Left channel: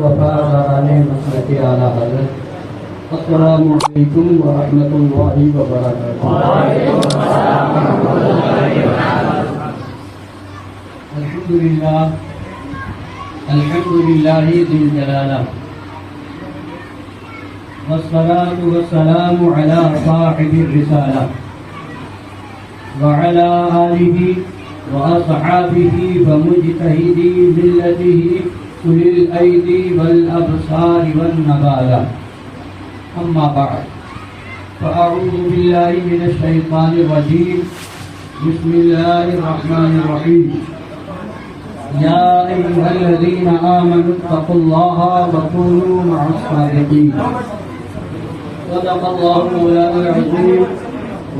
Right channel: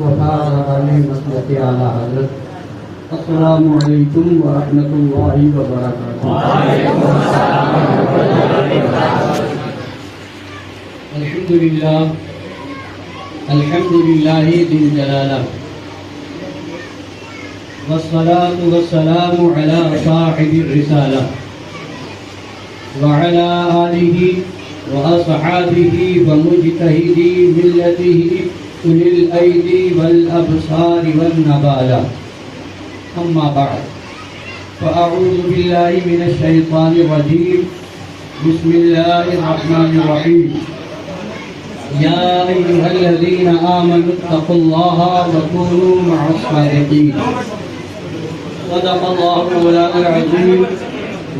وفاز علی مسلک اعلیٰ حضرت. السلام علیکم ورحمۃ اللہ وبرکاتہ. الحمد للہ ذی الجلالہ والصلاة والسلام على صاحب الرسالة وعلى آله وأصحابه ومجتهدي ملته أولي الأيدي والأبصار والنبالة. أما بعد فأعوذ بالله من الشيطان الرجيم. بسم الله الرحمن الرحيم. يا أيها الذين آمنوا اتقوا الله وكونوا مع الصادقين. صدق الله مولانا العظيم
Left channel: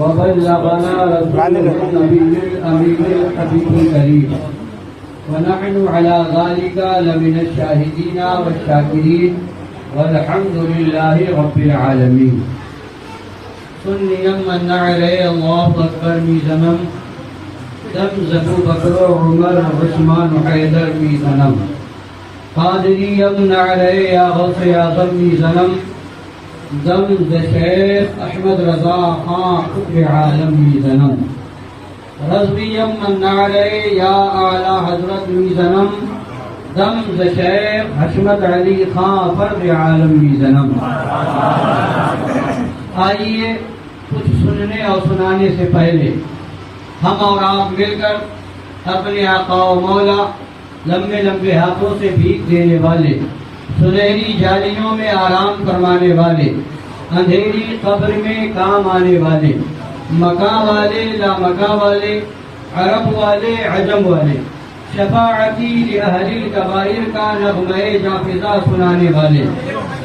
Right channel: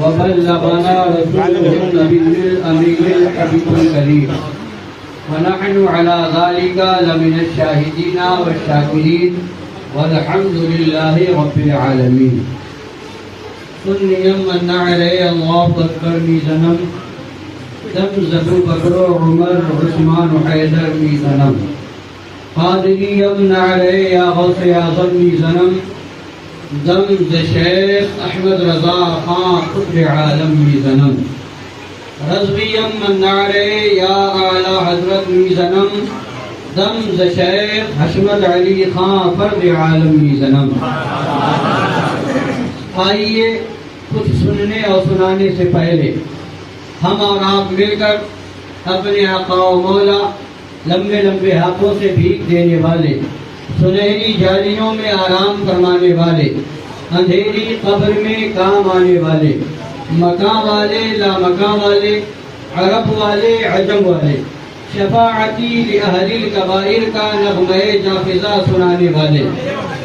وبلغنا رسوله النبي الأمين الحبيب الكريم ونحن على ذلك لمن الشاهدين والشاكرين والحمد لله رب العالمين. سنيا من نعري الله أكبر ميزنم دم زبو بکر عمر عثمان حیدر میزنم. قادری ابن علی یا غوث اعظم میزنم دم ز شیخ احمد رضا خان قطب عالم میزنم. رضوی من علی یا اعلی حضرت میزنم دم ز شیخ حشمت علی خان فرد عالم میزنم. آئیے کچھ سننے اور سنانے سے پہلے ہم اور آپ مل کر اپنے آقا و مولا لمبے لمبے ہاتھوں سے بھیک دینے والے، سنہری جالیوں میں آرام فرمانے والے، اندھیری قبر میں کام آنے والے، مکاں والے لامکاں والے، عرب والے عجم والے، شفاعتی لأہل الکبائر کا نغمہ جافزہ سنانے والے،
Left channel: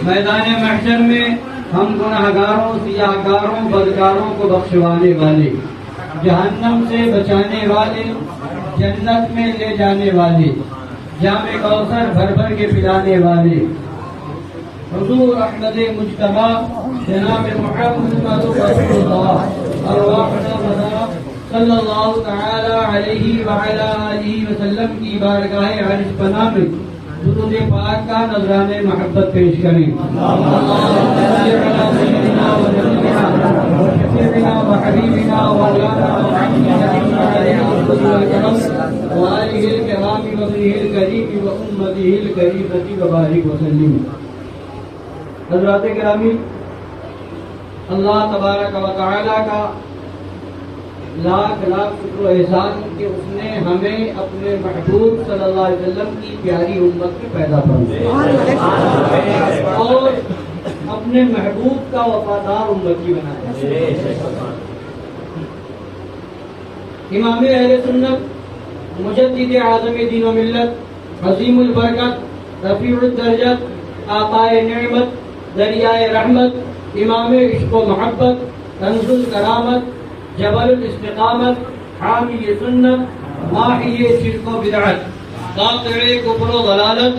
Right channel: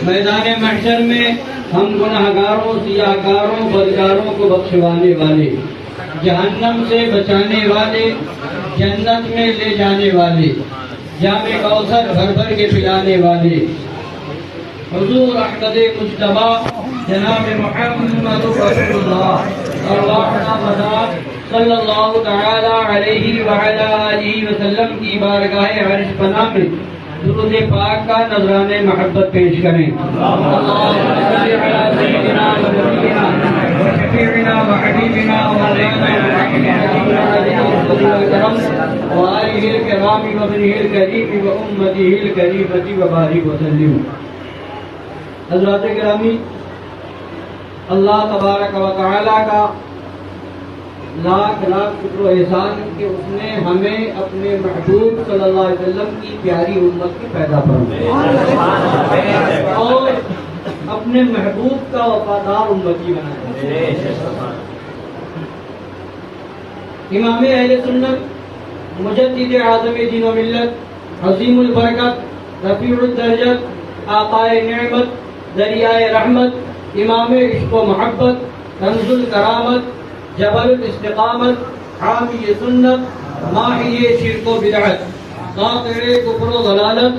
میدان محشر میں ہم گناہگاروں سیاہکاروں بدکاروں کو بخشوانے والے، جہنم سے بچانے والے، جنت میں لے جانے والے، جام کوثر بھر بھر کے پلانے والے، حضور احمد مجتبی جناب محمد رسول اللہ ارواحنا فدا صلی اللہ تعالی علیہ وعلی آلہ وسلم کی بارگاہ عرش پناہ میں درود پاک کا نذرانہ محبت پیش کریں. اللہم صل علی سیدنا و نبینا و شفیعنا و حبیبنا و مولانا محمد وآلہ الکرام وابنہ الکریم و امتہ الکریمۃ وبارک وسلم. حضرات گرامی، اللہ تبارک و تعالی کا لاکھ لاکھ شکر و احسان کہ اس نے ہمیں اپنے محبوب صلی اللہ علیہ وسلم کی پیاری امت کی پیدا فرمایا اور اپنے محبوب کا وفادار امتی بنایا. امام اہل سنت، مجدد اعظم دین و ملت، عظیم البرکت، رفیع الدرجت، آقائے نعمت، دریائے رحمت، امام عشق و محبت، رمز الکرامت، جبل الاستقامت، حامی سنت، ماحی شرک و بدعت، قاطع کفر و ضلالت،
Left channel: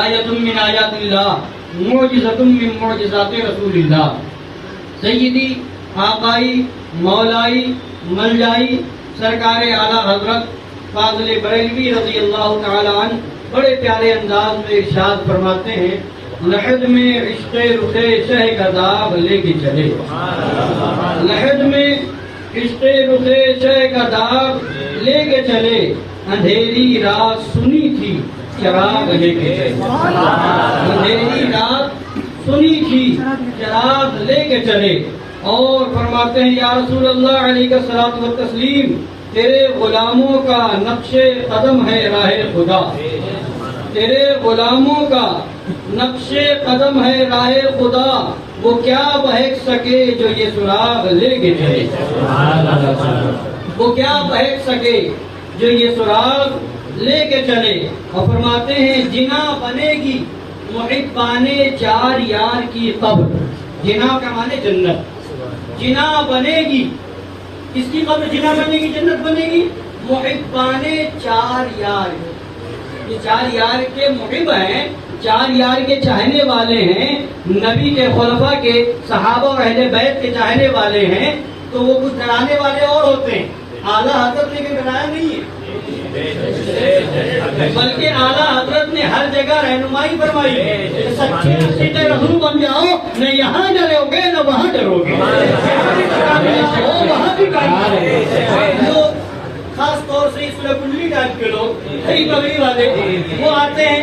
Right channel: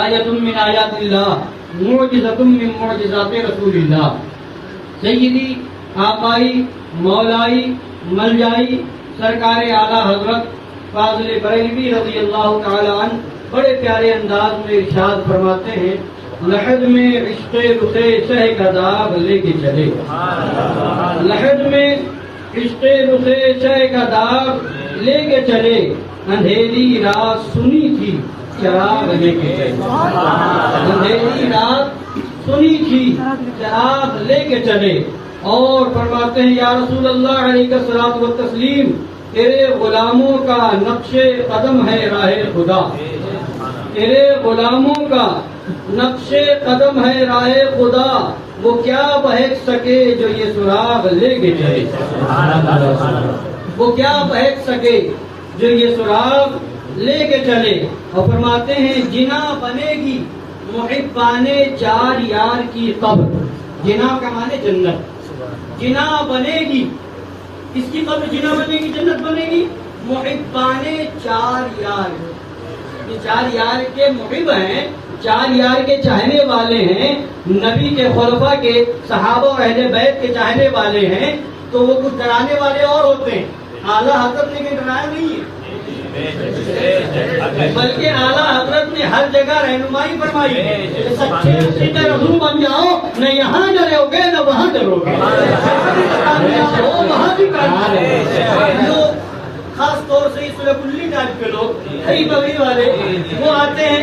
آیت من آیات اللہ، معجزۃ من معجزات رسول اللہ، سیدی آقائی مولائی ملجائی سرکار اعلیٰ حضرت فاضل بریلوی رضی اللہ تعالی عنہ بڑے پیارے انداز میں ارشاد فرماتے ہیں، لحد میں عشق رخ شہ کا داغ لے کے چلے. لحد میں عشق رخ شہ کا داغ لے کے چلے، اندھیری رات سنی تھی چراغ لے کے چلے. اندھیری رات سنی تھی چراغ لے کے چلے. اور فرماتے ہیں یا رسول اللہ علیہ الصلوۃ والتسلیم، تیرے غلاموں کا نقش قدم ہے راہ خدا. تیرے غلاموں کا نقش قدم ہے راہ خدا، وہ کیا بہک سکے جو یہ سراغ لے کے چلے. وہ کیا بہک سکے جو یہ سراغ لے کے چلے. اور فرماتے ہیں جنا بنے گی محبان چار یار کی قبر. جنا کا معنی جنت. جنا بنے گی، اس کی قبر جنا بنے گی، جنت بنے گی. محبان چار یار، یہ چار یار کے محب ہیں، چار یار کے چاہنے والے ہیں، نبی کے خلفاء کے صحابہ اور اہل بیت کے چاہنے والے ہیں. تو وہ کچھ ڈرانے والے اور ہوتے ہیں. اعلیٰ حضرت نے ڈرایا نہیں ہے، بلکہ اعلیٰ حضرت نے ہر ہر جگہ رہنمائی فرمائی ہے. سچے عقیدہ رسول بن جاؤ، نہ یہاں ڈرو گے نہ وہاں ڈرو گے، وہاں بھی جو خاص طور سے اس میں کلی ٹائپ کے لوگ کئی بغیر والے وہ آتے ہیں،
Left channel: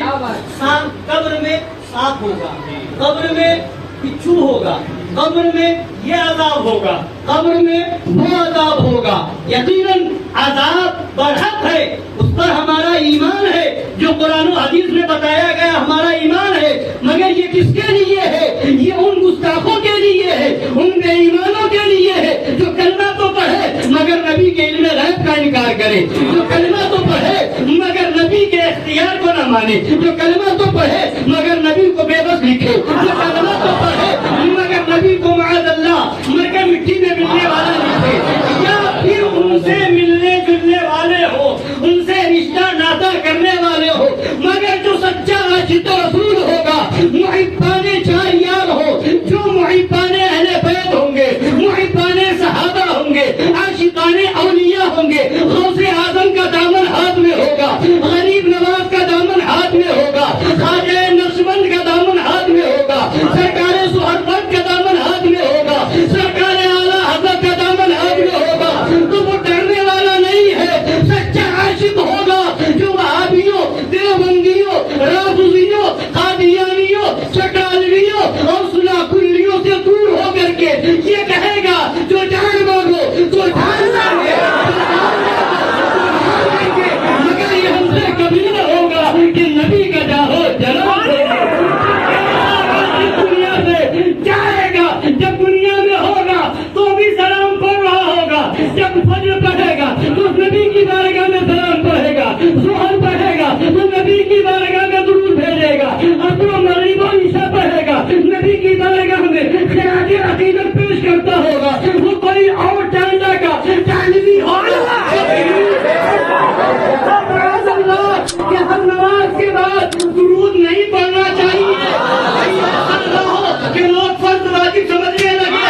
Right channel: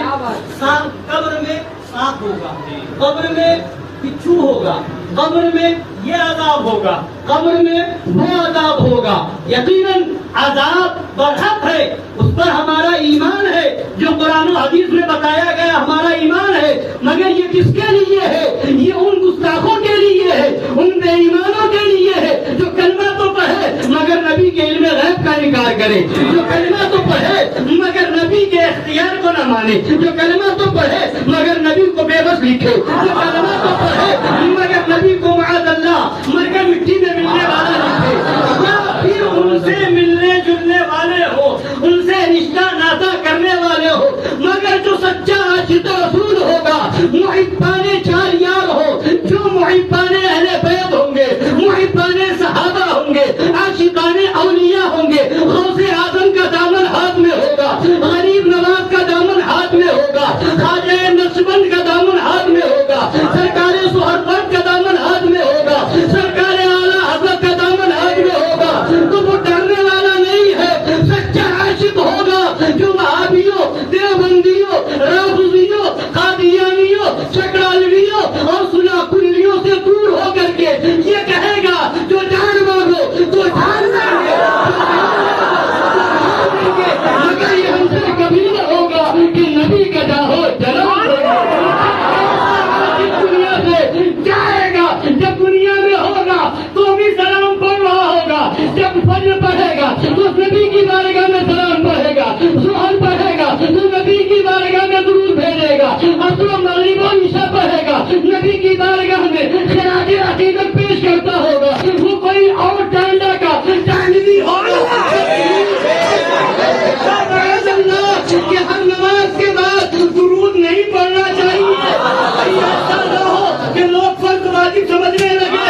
قبر میں سانپ ہوگا، قبر میں بچھو ہوگا، قبر میں یہ عذاب ہوگا، قبر میں وہ عذاب ہوگا. یقیناً عذاب برحق ہے، اس پر ہمارا ایمان ہے، جو قرآن و حدیث میں بتایا گیا ہمارا ایمان ہے. مگر یہ کس کے لیے ہے؟ یہ ان گستاخوں کے لیے ہے، ان بے ایمانوں کے لیے ہے جو کلمہ تو پڑھے مگر نبی کے علم غیب کا انکار کرے، جو کلمہ تو پڑھے مگر نبی کے اختیار کو نہ مانے، جو کلمہ تو پڑھے مگر نبی کو بے بس لکھے، جو کلمہ تو پڑھے مگر نبی کو معاذ اللہ مر کے مٹی میں ملنے والا لکھے، یا پھر ان سے ملنے جلنے والے ہو، ان سے رشتہ ناطہ کرنے والے ہو. مگر جو سچا عاشق رسول ہوگا، محبان چار یار ہو، جو محبان اہل بیت ہوں گے، محبان صحابہ ہوں گے، عاشقان اولیاء ہوں گے، غوث اعظم کا دامن ہاتھ میں ہوگا، غریب نواز کا دامن ہاتھ میں ہوگا، خواجہ نقشبند کا دامن ہاتھ میں ہوگا، سرکار سہرورد کا دامن ہاتھ میں ہوگا، سرکار اعلیٰ حضرت کا دامن ہاتھ میں ہوگا. تو وہ ڈرنے والا نہیں ہے، سچا عاشق ہوگا جو وہابیوں، دیوبندیوں، رافضیوں، قادیانیوں، چکالویوں اور سناکلیوں سے دور ہو کر کے یہ کہے گا جو جان مانگو تو جان دیں گے، مگر یہ ہم سے کبھی نہ ہوگا کہ نبی کا جاہو جنم دیں گے. دنیا سے جائے گا، جب دنیا میں ہوگا تو بھی سلام پڑھ رہا ہوگا، جب فجر پڑھے گا تو نبی کی بارگاہ میں سلام پڑھے گا، ظہر پڑھے گا تو نبی کی بارگاہ میں درود بھیجے گا، عصر و مغرب و عشاء پڑھے گا، نبی کی بارگاہ میں خراج عقیدت پیش کرتا ہوگا. وہ کوئی اور ٹانڈا کا ٹانڈوی ہوگا کہ ہر نماز کے بعد درود نہیں پڑھنا چاہیے، ایسا ہو کہ لوگ فرض واجب سمجھنے لگے.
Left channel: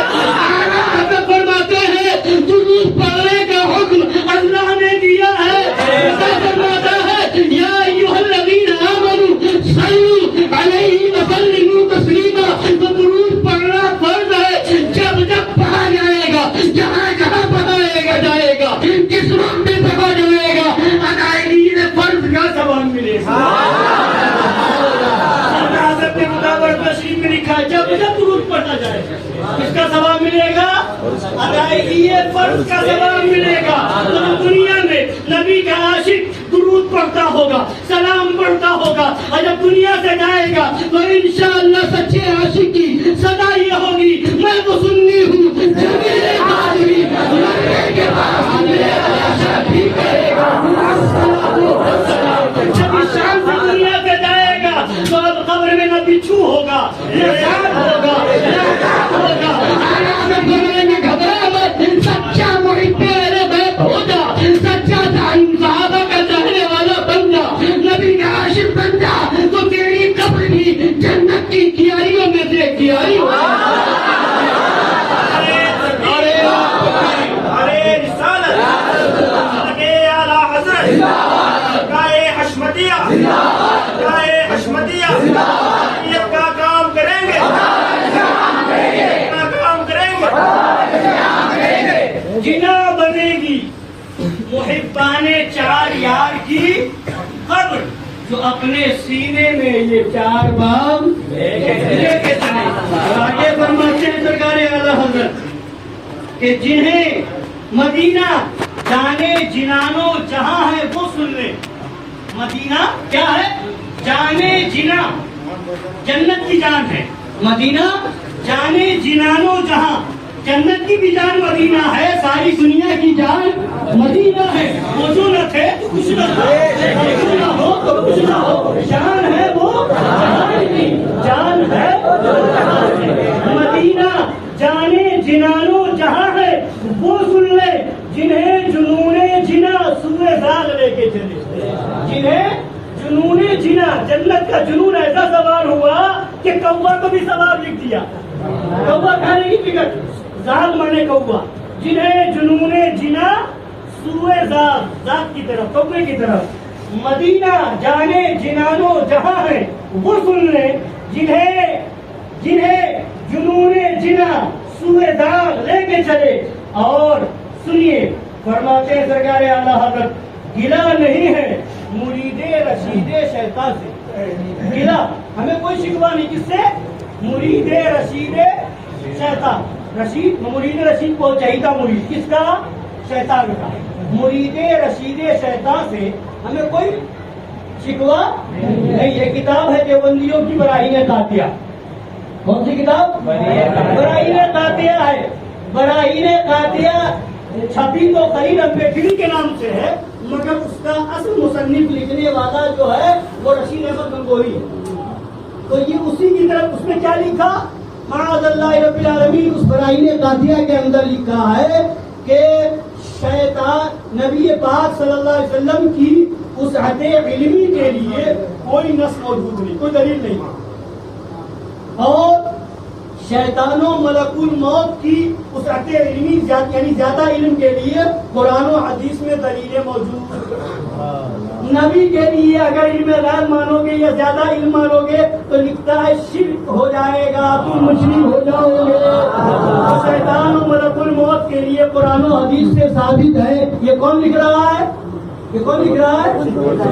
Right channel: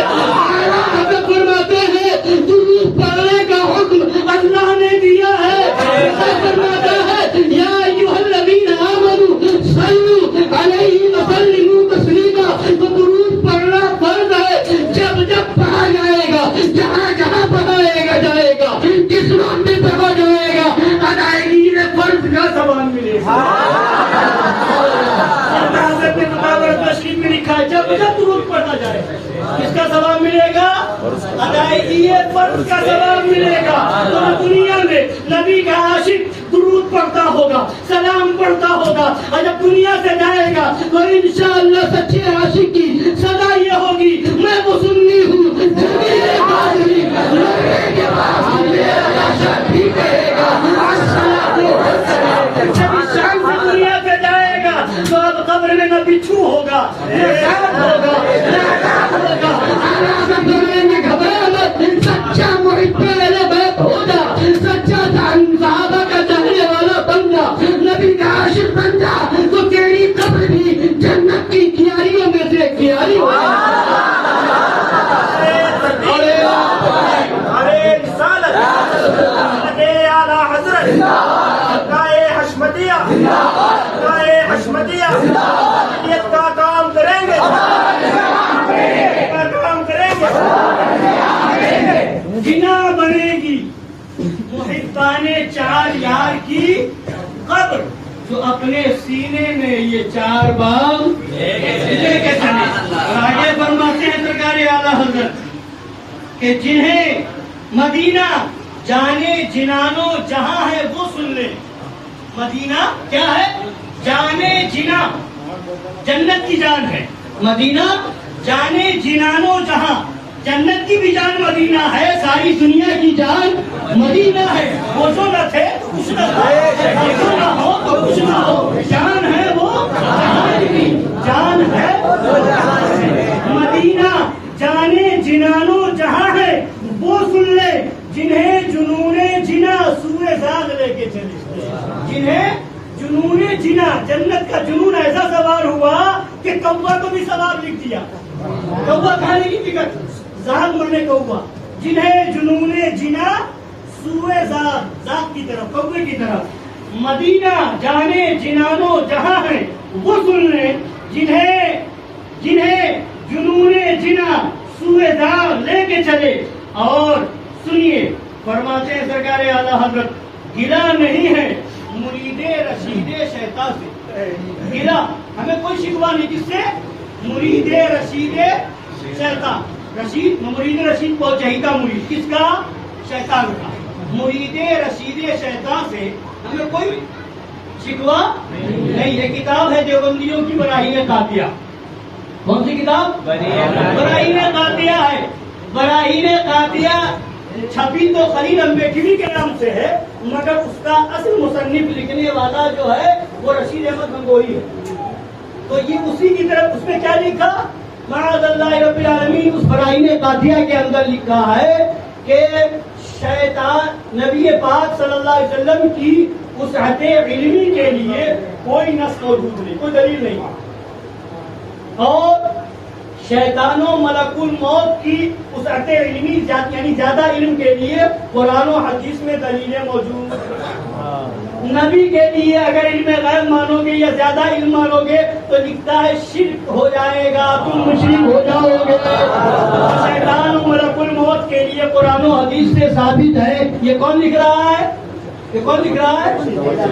حضرت فرماتے ہیں درود پڑھنے کا حکم اللہ نے دیا ہے. فرماتا ہے یا ایھا الذین آمنوا صلوا علیہ وسلموا تسلیما. تو درود پڑھنا فرض ہے. جب جب پڑھا جائے گا، جہاں جہاں پڑھا جائے گا، جس وقت میں پڑھا جائے گا، ادائیگی فرض کا ثواب ملے گا. تشریف میں لکھا ہے جب جب درود پڑھا جائے اس کا ثواب ملے گا، ادائیگی فرض کا ثواب ملے گا. تو دنیا میں نبی کا عاشق درود پڑھتا ہوگا، سلام پڑھتا ہوگا، اور جب دنیا سے جائے گا تو انشاءاللہ سچے عاشق کی صدا یہ ہوگی میں وہ سنی ہوں جمیل قادری، مرنے کے بعد میرا شاہ بھی کہے گا جب اس شام سے دنیا سے جائے گا تو اب قبر میں نہ بچھو ہوگا، نہ سانپ ہوگا، نہ عذاب ہوگا. قبر میں گھبرا مت، سچا محب اہل بیت ہو جا، سچا صحابہ کا چاہنے والا بن جا، نبی کا عاشق بن جا، تو تیری قبر بھی جنت کی کیاریوں میں سے کیاری ہوگا. کا کام کریں گے، کا کام کریں گے. جنا بنے گی محبان چار یار کی قبر، جو اپنے سینے میں یہ چار بام آگے فرماتے ہیں سرکار اعلیٰ حضرت کہ جنہیں مدینہ جانے جنانو جہاں ہے وہ سن لیں. مدینہ کیا ہے؟ جانے جنا، جنت کی جان ہے مدینہ. جانے جنانو جہاں، جنت کی بھی جان مدینہ ہے، ساری دنیا کی جان مدینہ ہے. وہ جو نہ تھے کچھ نہ تھا، جو نہ ہو تو کچھ نہ ہو، جان ہے وہ جان ہے مدینہ. جانے جنانو جہاں ہے وہ سن لے جنہیں جنون جنا سوئے زاغ لے کے چلے. جنہیں جنون جنا، جنت کا جنون ایسا سوار ہوا کہ کوا کو بھی سوار لکھ دیا. کوا کھانے کی فکر، زاغ مرنے کوا. جنہیں جنون جنا سوئے زاغ، زاغ کی طرف، کوے کی طرف. مدینہ جانے جنانو جہاں کہاں ہیں وہ سن لیں جنہیں جنون جنا سوئے دار لے کے چلے. اور سنیے فرماتے ہیں سرکار اعلیٰ حضرت گلا نہیں ہے مرید رشید شیطان سے. گلا ہمیں کوئی شکوہ نہیں کس سے؟ مرید رشید شیطان. مرید رشید کو چاہیے مرید کس کا؟ شیطان کا. مرید رشید شیطان سے ہمیں کوئی شکوہ نہیں. یہ کتاب ہے دیوبندیوں کی براہین قاطعہ. کون سی کتاب؟ براہین قاطعہ ہے. براہین قاطعہ چھپی تو خلیل امبیڈکری کے نام سے ہے مگر اس کا اصل مصنف لکھنے والا جو ہے وہ رشید احمد گنگوہی ہے. تو یہ اسی کی طرف اس میں کیا لکھا؟ معاذ اللہ رب العالمین. اس براہین قاطعہ کے اندر لکھا ہے کہ شیطان نبی پاک صلی اللہ علیہ وسلم کی وسعت علمی کے لیے کوئی نص موجود نہیں، کوئی دلیل نہیں. اور شیطان و ملک الموت کی وسعت علمی یعنی زیادہ علم کے لیے قرآن و حدیث میں دلیلیں موجود. نبی کے لیے اگر علم غیب مانو گے یا زیادہ علم مانو گے تو لکھتا ہے شرک ہو جائے گا، تم مشرک ہو جاؤ گے. شیطان و ملک الموت کے لیے قرآن و حدیث سے ثابت ہے. یہ کون لکھ رہا ہے؟ یہ کون لکھ رہا ہے؟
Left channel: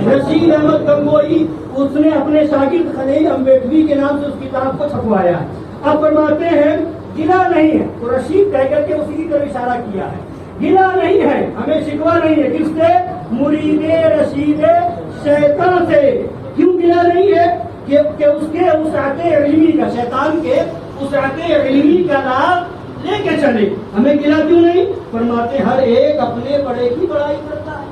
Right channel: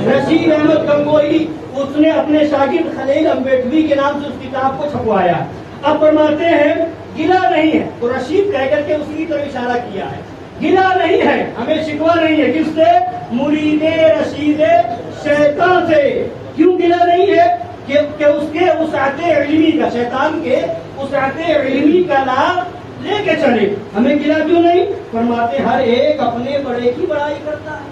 رشید احمد گنگوہی. اس نے اپنے شاگرد خلیل امبیڈکری کے نام سے اس کتاب کو چھپوایا. اب فرماتے ہیں گلا نہیں ہے. تو رشید کہہ کر کے اسی کی طرف اشارہ کیا ہے. گلا نہیں ہے، ہمیں شکوہ نہیں ہے. کس سے؟ مرید رشید شیطان سے. کیوں گلا نہیں ہے؟ کہ اس کے وسعت علمی کا، شیطان کے وسعت علمی کا لابھ لے کے چلے. ہمیں گلا کیوں نہیں؟ فرماتے ہر ایک اپنے بڑے کی بڑائی کرتا ہے.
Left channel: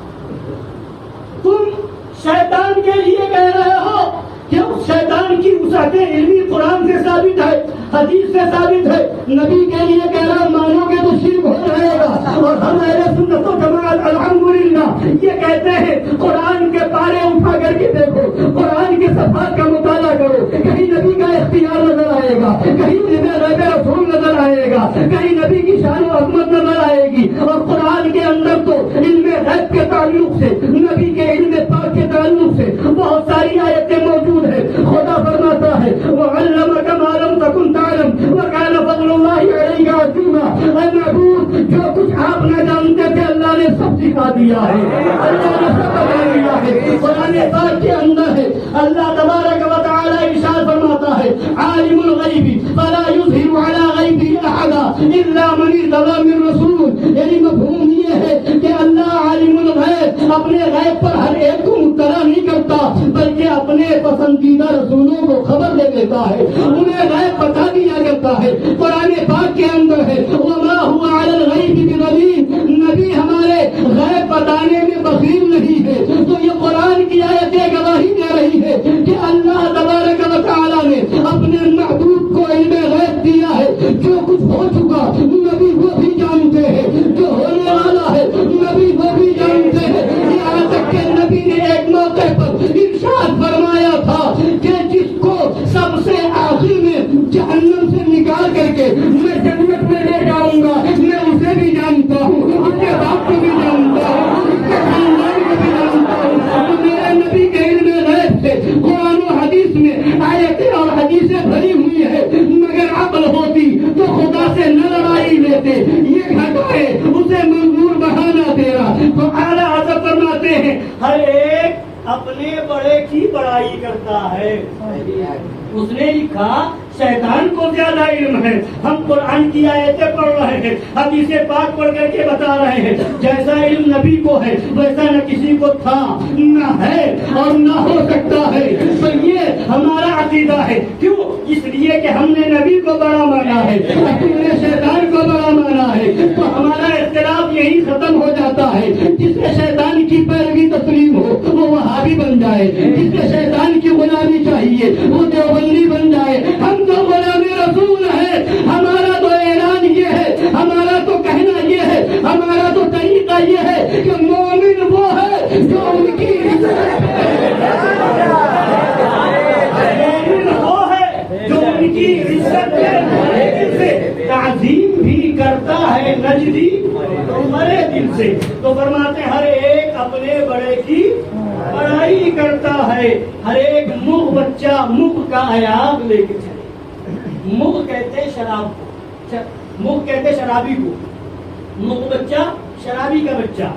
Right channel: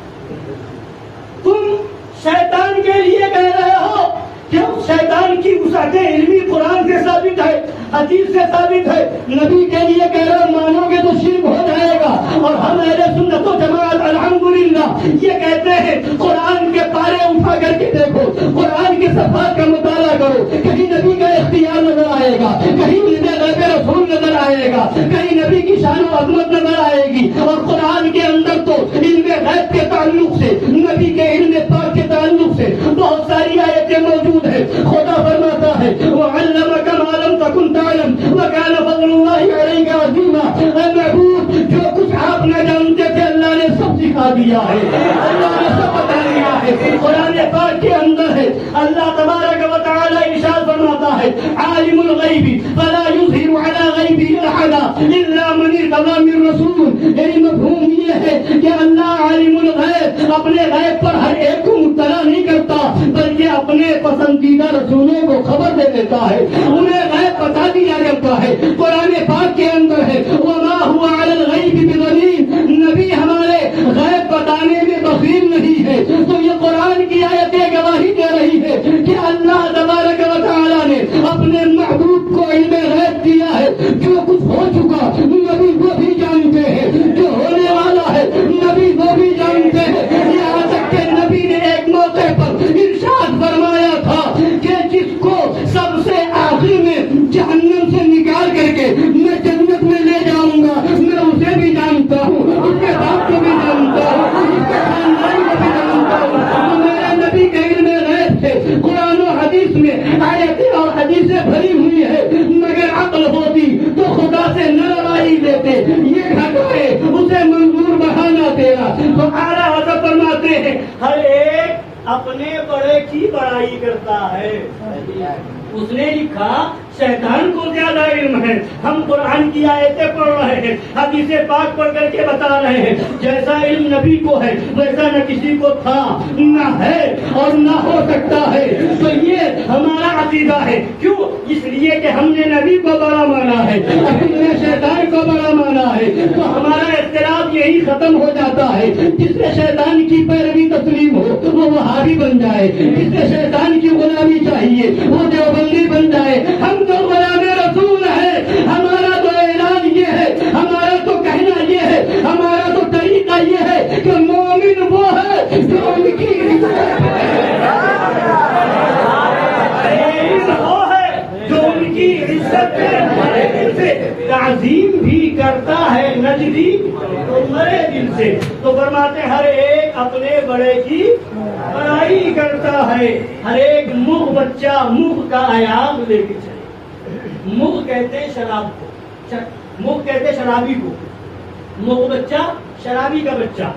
تم شیطان کے لیے کہہ رہے ہو کہ شیطان کی وسعت علمی قرآن سے ثابت ہے، حدیث سے ثابت ہے. نبی کے لیے کہہ رہا مانو گے تو شرک ہو جائے گا. اور ہم اہل سنت و جماعت الحمدللہ یہ کہتے ہیں قرآن کے پارے اٹھا کر کے دیکھو، قرآن کے صفحات کا مطالعہ کرو. کہیں نبی کا اختیار نظر آئے گا، کہیں غیب رسول نظر آئے گا، کہیں نبی کی شان و عظمت نظر آئے گی. اور قرآن کے اندر تو علم غیب کے تعلق سے، نبی کے علم پاک کے تعلق سے بہت ساری آیتیں موجود ہیں. خدا فرماتا ہے وَعَلَّمَكَ مَا لَمْ تَكُنْ تَعْلَمْ وَكَانَ فَضْلُ اللَّهِ عَلَيْكَ عَظِيمًا. اے محبوب، جو کچھ آپ نہ جانتے تھے اللہ نے سب سکھا دیا ہے، اللہ نے سب بتا دیا ہے. قرآن پاک کے اندر ہے اللہ تبارک و تعالی ارشاد فرماتا ہے عالم الغیب فلا یظہر علی غیبہ احدا الا من ارتضی من رسول. یعنی مفہوم یہ ہے کہ اللہ عالم الغیب اپنے غیب پر ہر ایک کو مطلع نہیں کرتا بلکہ اپنے پسندیدہ رسولوں کو خبر دے دیتا ہے، انہیں غیب بتا دیا جاتا ہے. قرآن پاک کے اندر ہے وما هو علی الغیب بضنین. نبی ہمارے غیب بتانے میں بخیل نہیں ہے. تو یہ قرآن کی آیتیں گواہی دے رہی ہے کہ اللہ تبارک و تعالیٰ نے اپنے محبوب کو علم غیب دیا ہے. جو کچھ ہو چکا نبی وہ بھی جانتے ہیں، جو ہونے والا ہے نبی وہ بھی جانتے ہیں. یہاں تک کہ نبی نے ایک موقع پر ارشاد فرمایا تھا کہ جس کو سب سے آخر میں جہنم سے نکال کر کے میں جنت میں لے جاؤں گا میں اسے بھی جانتا ہوں، اس کے باپ کو بھی جانتا ہوں، اس کے خاندان کو بھی جانتا ہوں. تو میرے نبی کے علم غیب سے قرآن و حدیث میں آیتیں اور حدیثیں بھری ہوئی ہے. مگر عقل ہوتی تو خدا سے نہ لڑائی لیتے. یہ گھٹ ہے اسے منظور بہانا تیرا. تو اعلیٰ حضرت فرماتے ہیں ہر ایک اپنے بڑے کی بڑائی کرتا ہے. اس نے لکھا شیطان کو زیادہ علم ہے. ہم قرآن کی آیتیں پڑھ رہے ہیں، حدیث پاک پڑھ کر کے بتا رہے ہیں جیسا علم نبی کو ہے ویسا نہ کسی کو تھا، نہ ہے اور نہ ہو سکتا ہے. تو یہ ہمارا عقیدہ ہے. کیوں؟ اس لیے کہ ہم نے نبی کو بڑا مانا ہے، ہم نے شیطان کو بڑا مانا ہے. تو ہمارا اختلاف یہی ختم ہو جاتا ہے. جس سے شیطان کی پیروی تسلیم ہو وہ وہابی بن جائے، جس سے شیطان کی غلامی چاہیے وہ دیوبندی بن جائے. ہم تو غلام رسول ہے. ہمارا تو اعلان یہ ہے، ہمارا تو کہنا یہ ہے، ہمارا تو طریقہ یہ ہے کہ مومن وہ ہے جو ان کی عزت سے تعظیم بھی کرتا ہے نجدی مرے دل سے. تو فرماتے ہر ایک اپنے بڑے کی بڑائی کرتا ہے. ہر ایک بچہ مغ کا ایاب لے کے چلے. مغ کہتے ہیں شراب کو، مغ کہتے ہیں شرابی کو. مغ بچہ شرابی کا بچہ.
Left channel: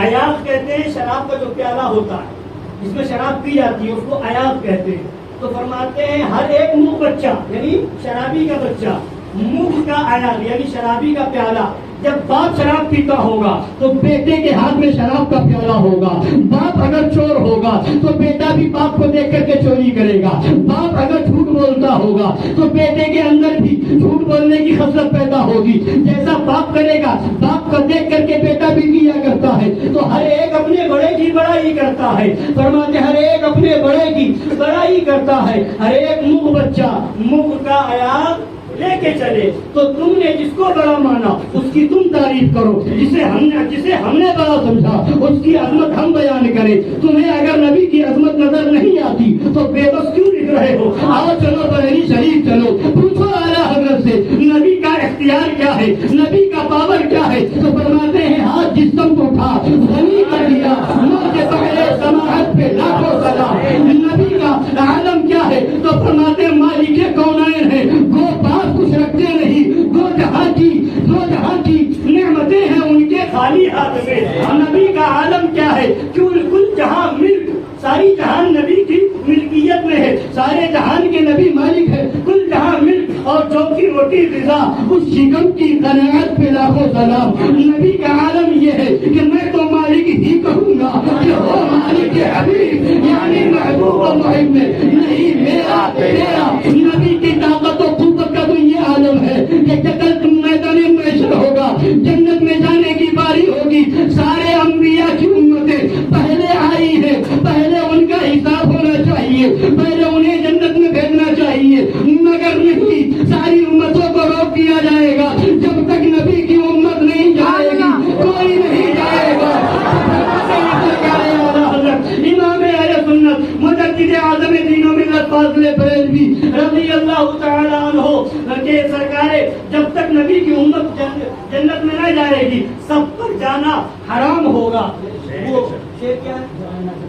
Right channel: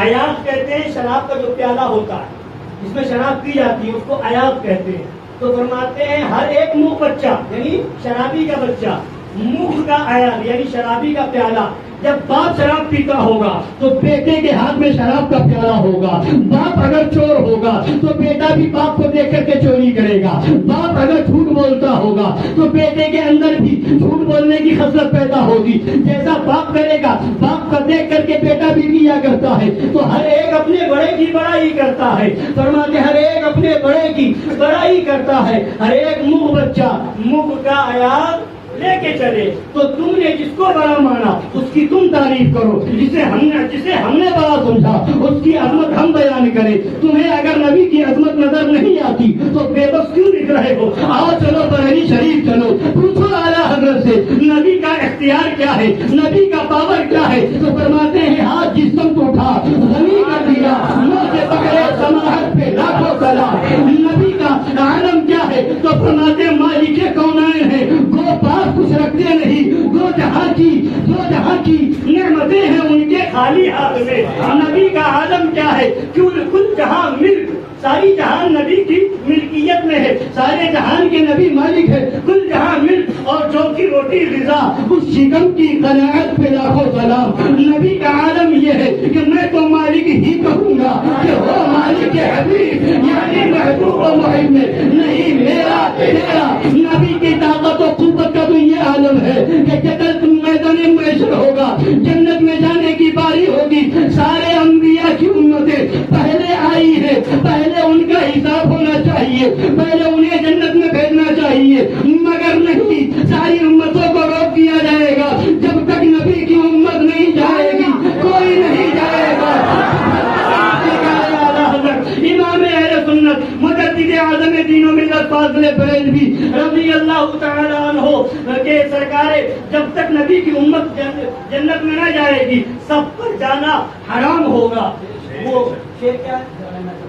ایاب کہتے ہیں شراب کا جو پیالہ ہوتا ہے جس میں شراب پی جاتی ہے اس کو ایاب کہتے ہیں. تو فرماتے ہیں ہر ایک مغ بچہ یعنی شرابی کا بچہ، مغ کا ایاب یعنی شرابی کا پیالہ. جب باپ شراب پیتا ہوگا تو بیٹے کے ہاتھ میں شراب کا پیالہ ہوگا. باپ اگر چور ہوگا تو بیٹا بھی باپ کو دیکھ کر کے چوری کرے گا. باپ اگر جھوٹ بولتا ہوگا تو بیٹے کے اندر بھی جھوٹ بولنے کی خصلت پیدا ہوگی. جیسا باپ کرے گا باپ کو دیکھ کر کے بیٹا بھی کیا کرتا ہے. تو ہر ایک اپنے بڑے کی بڑائی کرتا ہے. فرماتے ہر ایک اپنے بڑے کی بڑائی کرتا ہے. ہر ایک مغ بچہ مغ کا ایاب لے کے چلے. تو تم نے جس کو بڑا مانا اس کی تم تعریف کرو، جسے ہم نے بڑا سمجھا اس کی عظمت ہم بیان کریں. تمہیں اگر نبی کی عظمت نظر نہیں آتی تو بے بس کیوں دکھ رہے ہو؟ آؤ چلو بریلی شریف چلو، پوچھو اعلیٰ حضرت سے نبی کا اختیار کیا ہے، نبی کا پاور کیا ہے. تو فرماتے ہیں ہاتھ جسم کو اٹھا غنی کر دیا، منہ سے پکڑے سماحت پہ لاکھوں سلام. نبی کا عالم کیا ہے؟ تو فرماتے مالک کونین ہے، گو پاس کچھ رکھتے نہیں، دو جہاں کی نعمتیں ہیں ان کے خالی ہاتھ میں. نبی کا عالم کیا ہے؟ کل جہاں ملک، ساری جہان نبی کی ملکیت میں ہے. سارے جہان کے نبی مالک ہے. کل جہاں ملک اور چوکی روٹی غذا اس شکم کی قناعت پہ لاکھوں سلام. نبی کا عالم یہ ہے کہ میں تو مالک ہی کہوں گا کہ وہ مالک حبیب یعنی محبوب و محب میں نہیں میرا تیرا. نبی کی طاقت و قوت کا تو یہ عالم ہے کہ کل تم میدان محشر ہوگا، جنت میں جانے کی باری ہوگی. سارے انبیاء کی امتیں پہلے آئی ہے، پہلے ان کا حساب ہونا چاہیے، پہلے انہیں جنت میں بھیجنا چاہیے. مگر نہیں، ساری امتوں کو روک دیا جائے گا. جب تک نبی کی امت نہیں جائے گی کوئی نہیں جائے گا. امام اہل سنت مجدد اعظم دین و ملت فاضل بریلوی رضی اللہ تعالی عنہ کہ سرکار جب تک نبی کی امت جنت میں نہ جائے گی سب پر جانا حرام ہوگا. وہ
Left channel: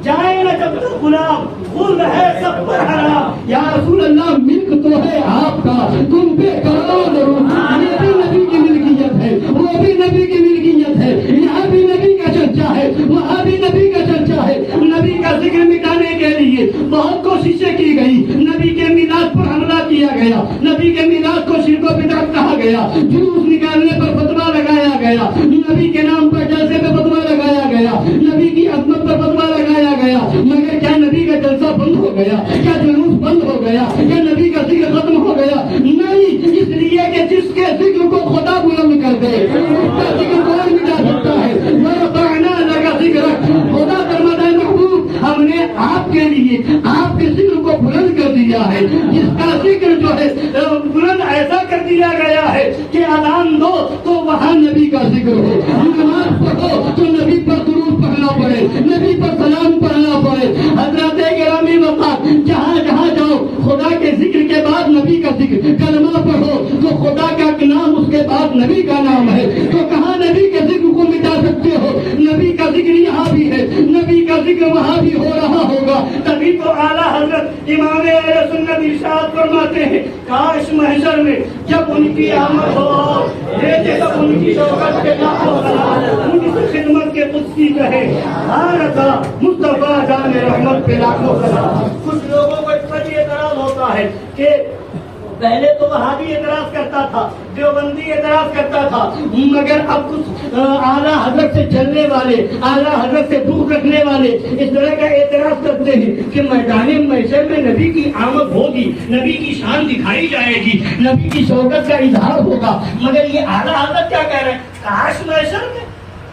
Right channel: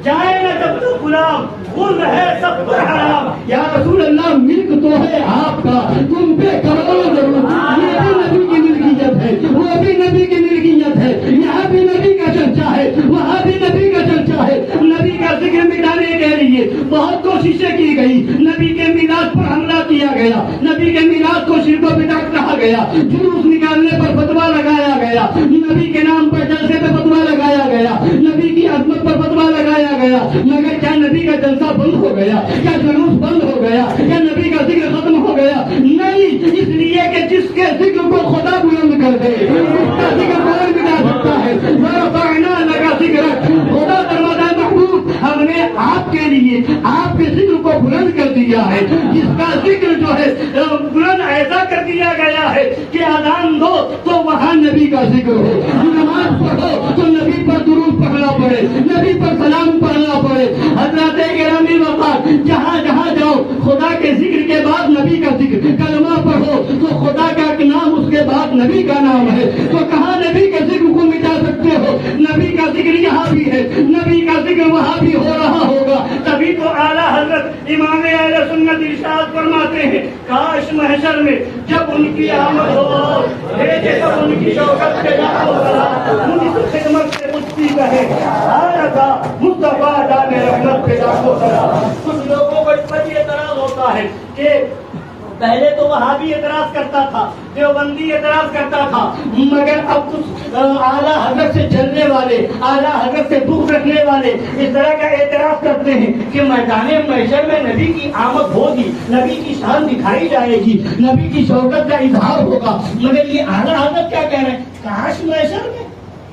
جائے نہ جب تک غلام، غلام ہے سب پر حرام. یا رسول اللہ ملک تو ہے آپ کا، تم پہ کرو ضرور. یہ بھی نبی کی ملکیت ہے، وہ بھی نبی کی ملکیت ہے. یہاں بھی نبی کا چرچا ہے، وہاں بھی نبی کا چرچا ہے. نبی کا ذکر مٹانے کے لیے بہت کوششیں کی گئی. نبی کے میلاد پر حملہ کیا گیا، نبی کے میلاد کو شرک و بدعت کہا گیا، جلوس نکالنے پر فتویٰ لگایا گیا، نبی کے نام پر جلسے پہ فتویٰ لگایا گیا، نبی کی عظمت پر فتویٰ لگایا گیا. مگر کیا نبی کا جلسہ بند ہو گیا؟ کیا جلوس بند ہو گیا؟ کیا نبی کا ذکر ختم ہو گیا؟ نہیں، اس لیے کہ جس کے ذکر کو خدا بلند کر دے اس کا ذکر کوئی مٹا سکتا ہے. ورفعنا لک ذکرک، خدا فرماتا ہے محبوب ہم نے آپ کے لیے آپ کے ذکر کو بلند کر دیا ہے. جس کا ذکر جو ہے بلند ایسا کر دیا گیا ہے کہ اذان دو تو وہاں نبی کا ذکر ہو، نماز پڑھو تو نبی پر درود پڑھنا پڑے، نبی پر سلام پڑھنا پڑے. حضرت گرامی وفات جہاں جہاں جاؤ خدا کے ذکر کے بعد نبی کا ذکر، کلمہ پڑھو تو خدا کا نام اس کے بعد نبی کا نام ہے. تو کہاں نبی کے ذکر کو مٹا سکتے ہو؟ نبی کا ذکر یہاں بھی ہے، نبی کا ذکر وہاں بھی ہو رہا ہوگا. تبھی تو اعلیٰ حضرت امام اہل سنت ارشاد فرماتے ہیں کاش محشر میں جب ان کی آمد ہو بھیجے تب ان کی شوکت کے لاکھوں سلام، ان کی خدمت کے قدسی کہے رضا مصطفیٰ جان رحمت پہ لاکھوں سلام. کچھ لوگوں کو اس پر یہ اعتراض ہوتا ہے کہ پہلے تو وہابی اعتراض کرتا تھا، دیوبندی اعتراض کرتا تھا، مگر اب کچھ اعلیٰ حضرت سے جلنے والے، اعلیٰ حضرت سے بغض رکھنے والے اس طرح کا اعتراض کرتے ہیں کہ میدان محشر میں نبی کی آمد ہوگی، نبی کی شان دکھائی جائے گی، نبی کی شوکت کا اظہار ہوگا. مگر یہ اعلیٰ حضرت کیا کہہ رہے ہیں؟ کاش محشر میں،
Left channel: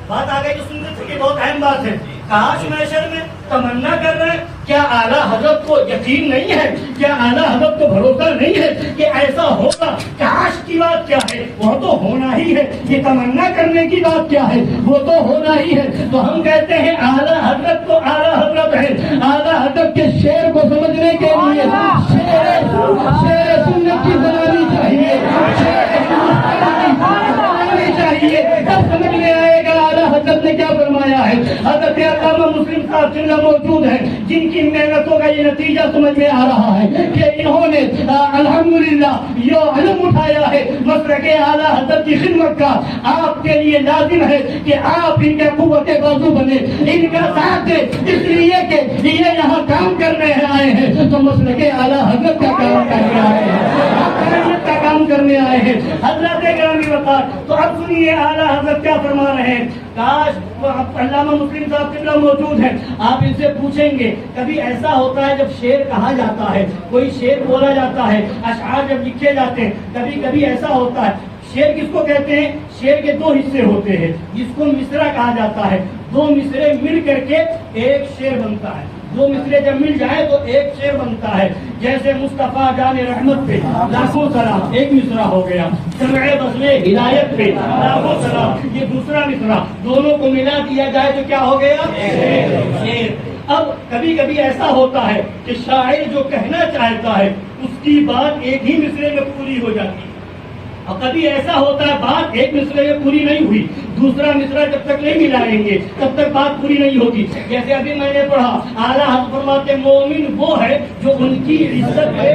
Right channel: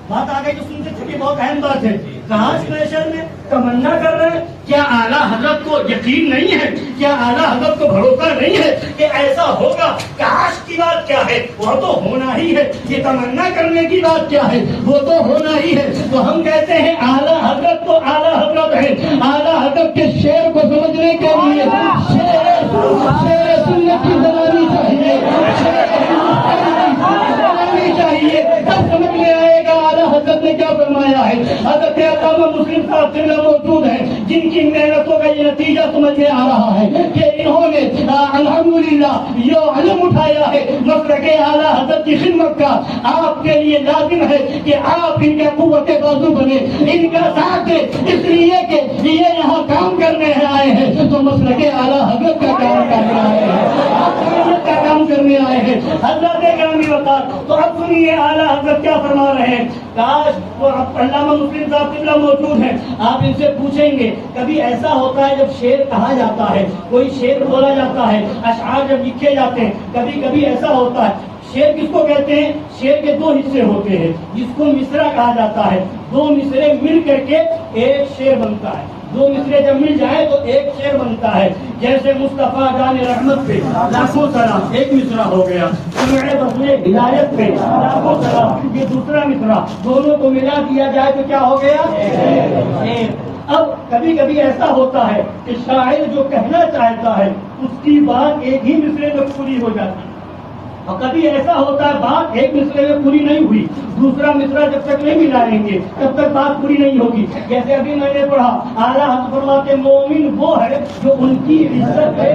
بات آگے جو سنتے تھے بہت اہم بات ہے، کاش محشر میں تمنا کر رہے ہیں. کیا اعلیٰ حضرت کو یقین نہیں ہے؟ کیا اعلیٰ حضرت کو بھروسہ نہیں ہے کہ ایسا ہوگا؟ کاش کی بات کیا ہے؟ وہ تو ہونا ہی ہے. یہ تمنا کرنے کی بات کیا ہے؟ وہ تو ہونا ہی ہے. تو ہم کہتے ہیں اعلیٰ حضرت تو اعلیٰ حضرت ہے. اعلیٰ حضرت کے شعر کو سمجھنے کے لیے شعر سنت کی زبانی چاہیے، چاہیے تب سمجھ میں آئے گا اعلیٰ حضرت نے کیا فرمایا ہے. حضرت علامہ مسلم صاحب موجود ہے جن کی محنتوں کا یہ نتیجہ نتیجہ سمجھ میں آ رہا ہے کہ انہوں نے الحمدللہ یہ علم اٹھایا ہے مسلک اعلیٰ حضرت کی خدمت کا. آپ کے لیے لازم ہے کہ آپ ان کے قوت بازو بنے, ان کا ساتھ دیں, اس لیے کہ یہ یہاں کام کرنے آئے ہیں تو مسلک اعلیٰ حضرت کا کام کرنے آئے ہیں, کا کام کرنے آئے ہیں. حضرت گرامی وقار, تو اب سنیے اعلیٰ حضرت کیا فرما رہے ہیں. کاش علامہ مسلم صاحب قبلہ موجود ہیں, آپ ان سے پوچھیں گے کبھی ایسا ہوتا ہے جب شعر کہا جاتا ہے, کوئی شعر بولا جاتا ہے, اشعار جب لکھے جاتے ہیں, کبھی کبھی ایسا ہوتا ہے. شعر کس کو کہتے ہیں؟ شعر کے دو حصے ہوتے ہیں جس کو مصرع کہا جاتا ہے. دو مصرے مل کر کے ایک شعر بنتا ہے. دو مصرے جب مل جائے تو ایک شعر بنتا ہے. جیسے مصطفیٰ جان رحمت پہ لاکھوں سلام ایک مصرع ہو گیا, سمع بزمِ ہدایت پہ لاکھوں سلام یہ دوسرا مصرع. دونوں کو ملا دیا جائے تو کیا ہو گیا؟ شعر. اب کبھی کبھی ایسا ہوتا ہے کہ شاعر جو کہنا چاہتا ہے اس کی بات ایک ہی مصرے میں پوری ہو جاتی ہے, اور کبھی ایسا ہوتا ہے بات ایک مصرے میں پوری نہیں ہوئی, دوسرا مصرع جب تک نہیں ملائیں گے تب تک بات پوری نہیں ہوگی. جیسے ابھی میں نے پڑھا اعلیٰ حضرت فرماتے مومن وہ ہے جو ان کی عزت ہے.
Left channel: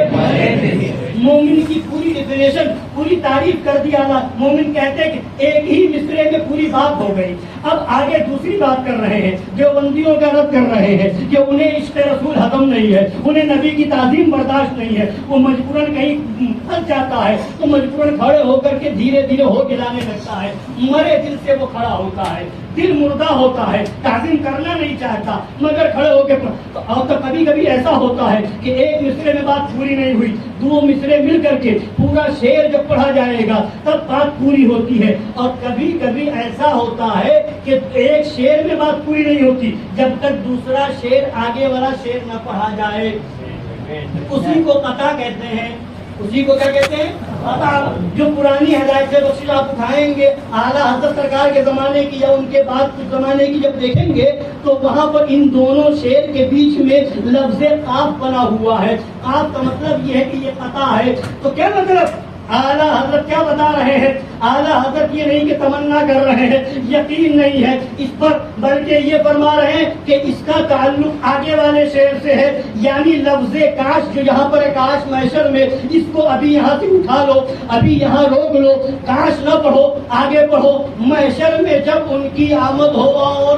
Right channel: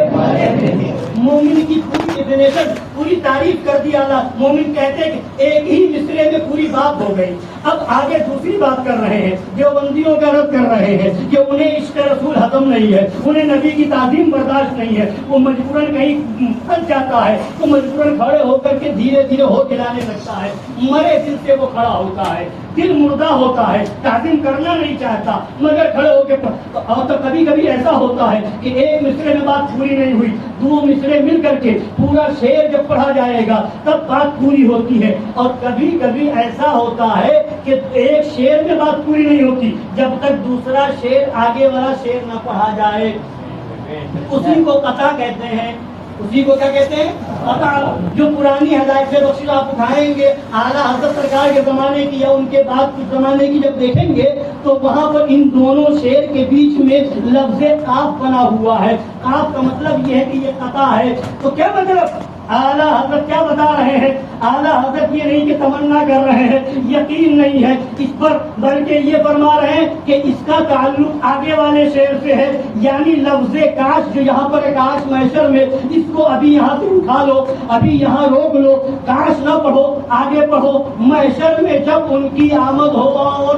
مومن کی پوری ڈیفینیشن پوری تعریف کر دی اعلیٰ. مومن کہتے ہیں کہ ایک ہی مصرے میں پوری بات ہو گئی. اب آگے دوسری بات کر رہے ہیں, جو بندیوں کا رد کر رہے ہیں کہ انہیں عشق رسول ہضم نہیں ہے, انہیں نبی کی تعظیم برداشت نہیں ہے, وہ مجبوراً کہیں پھنس جاتا ہے تو مجبوراً کھڑے ہو کر کے دھیرے دھیرے ہو گلانے لگتا ہے. مرے دل سے وہ کھڑا ہوتا ہے, دل مردہ ہوتا ہے, تعظیم کرنا نہیں چاہتا مگر کھڑے ہو کے. اور تو کبھی کبھی ایسا ہوتا ہے کہ ایک مصرے میں بات پوری نہیں ہوئی, دو مصرے مل کر کے پورا شعر جب پڑھا جائے گا تب بات پوری ہوتی ہے. اور کبھی کبھی ایسا ہوتا ہے کہ ایک شعر میں بات پوری نہیں ہوتی جب تک دوسرا شعر آگے والا شعر نہ پڑھا جائے. اسی کو قطع کہتے ہیں. اسی کو کیا کہتے ہیں؟ قطع. جو پرانی ہدایت سے بخشش آپ اٹھائیں گے اعلیٰ حضرت سرکار کے زمانے کی یا ان کے بعد کے زمانے کی جب دیکھیں گے تو وہاں پر ان دونوں شعر کے بیچ میں لفظ قاف بنا ہوا ہے. قاف کا مطلب یہ ہے کہ یہ قطع ہے. تو کیا مطلب اعلیٰ حضرت کیا بتا رہے ہیں؟ اعلیٰ حضرت یہ نہیں کہ تمنا کر رہے ہیں, یقین نہیں ہے اس پر, بلکہ یہ فرما رہے ہیں کہ اس کا تعلق آگے والے شعر سے ہے. یعنی لفظ کاش جو یہاں پر کاش محشر میں, اس کو ابھی یہاں سے اٹھا لو, ابھی یہاں روک لو, کاش نہ پڑھو, آگے پڑھو. محشر میں جب ان کی آمد ہو, اور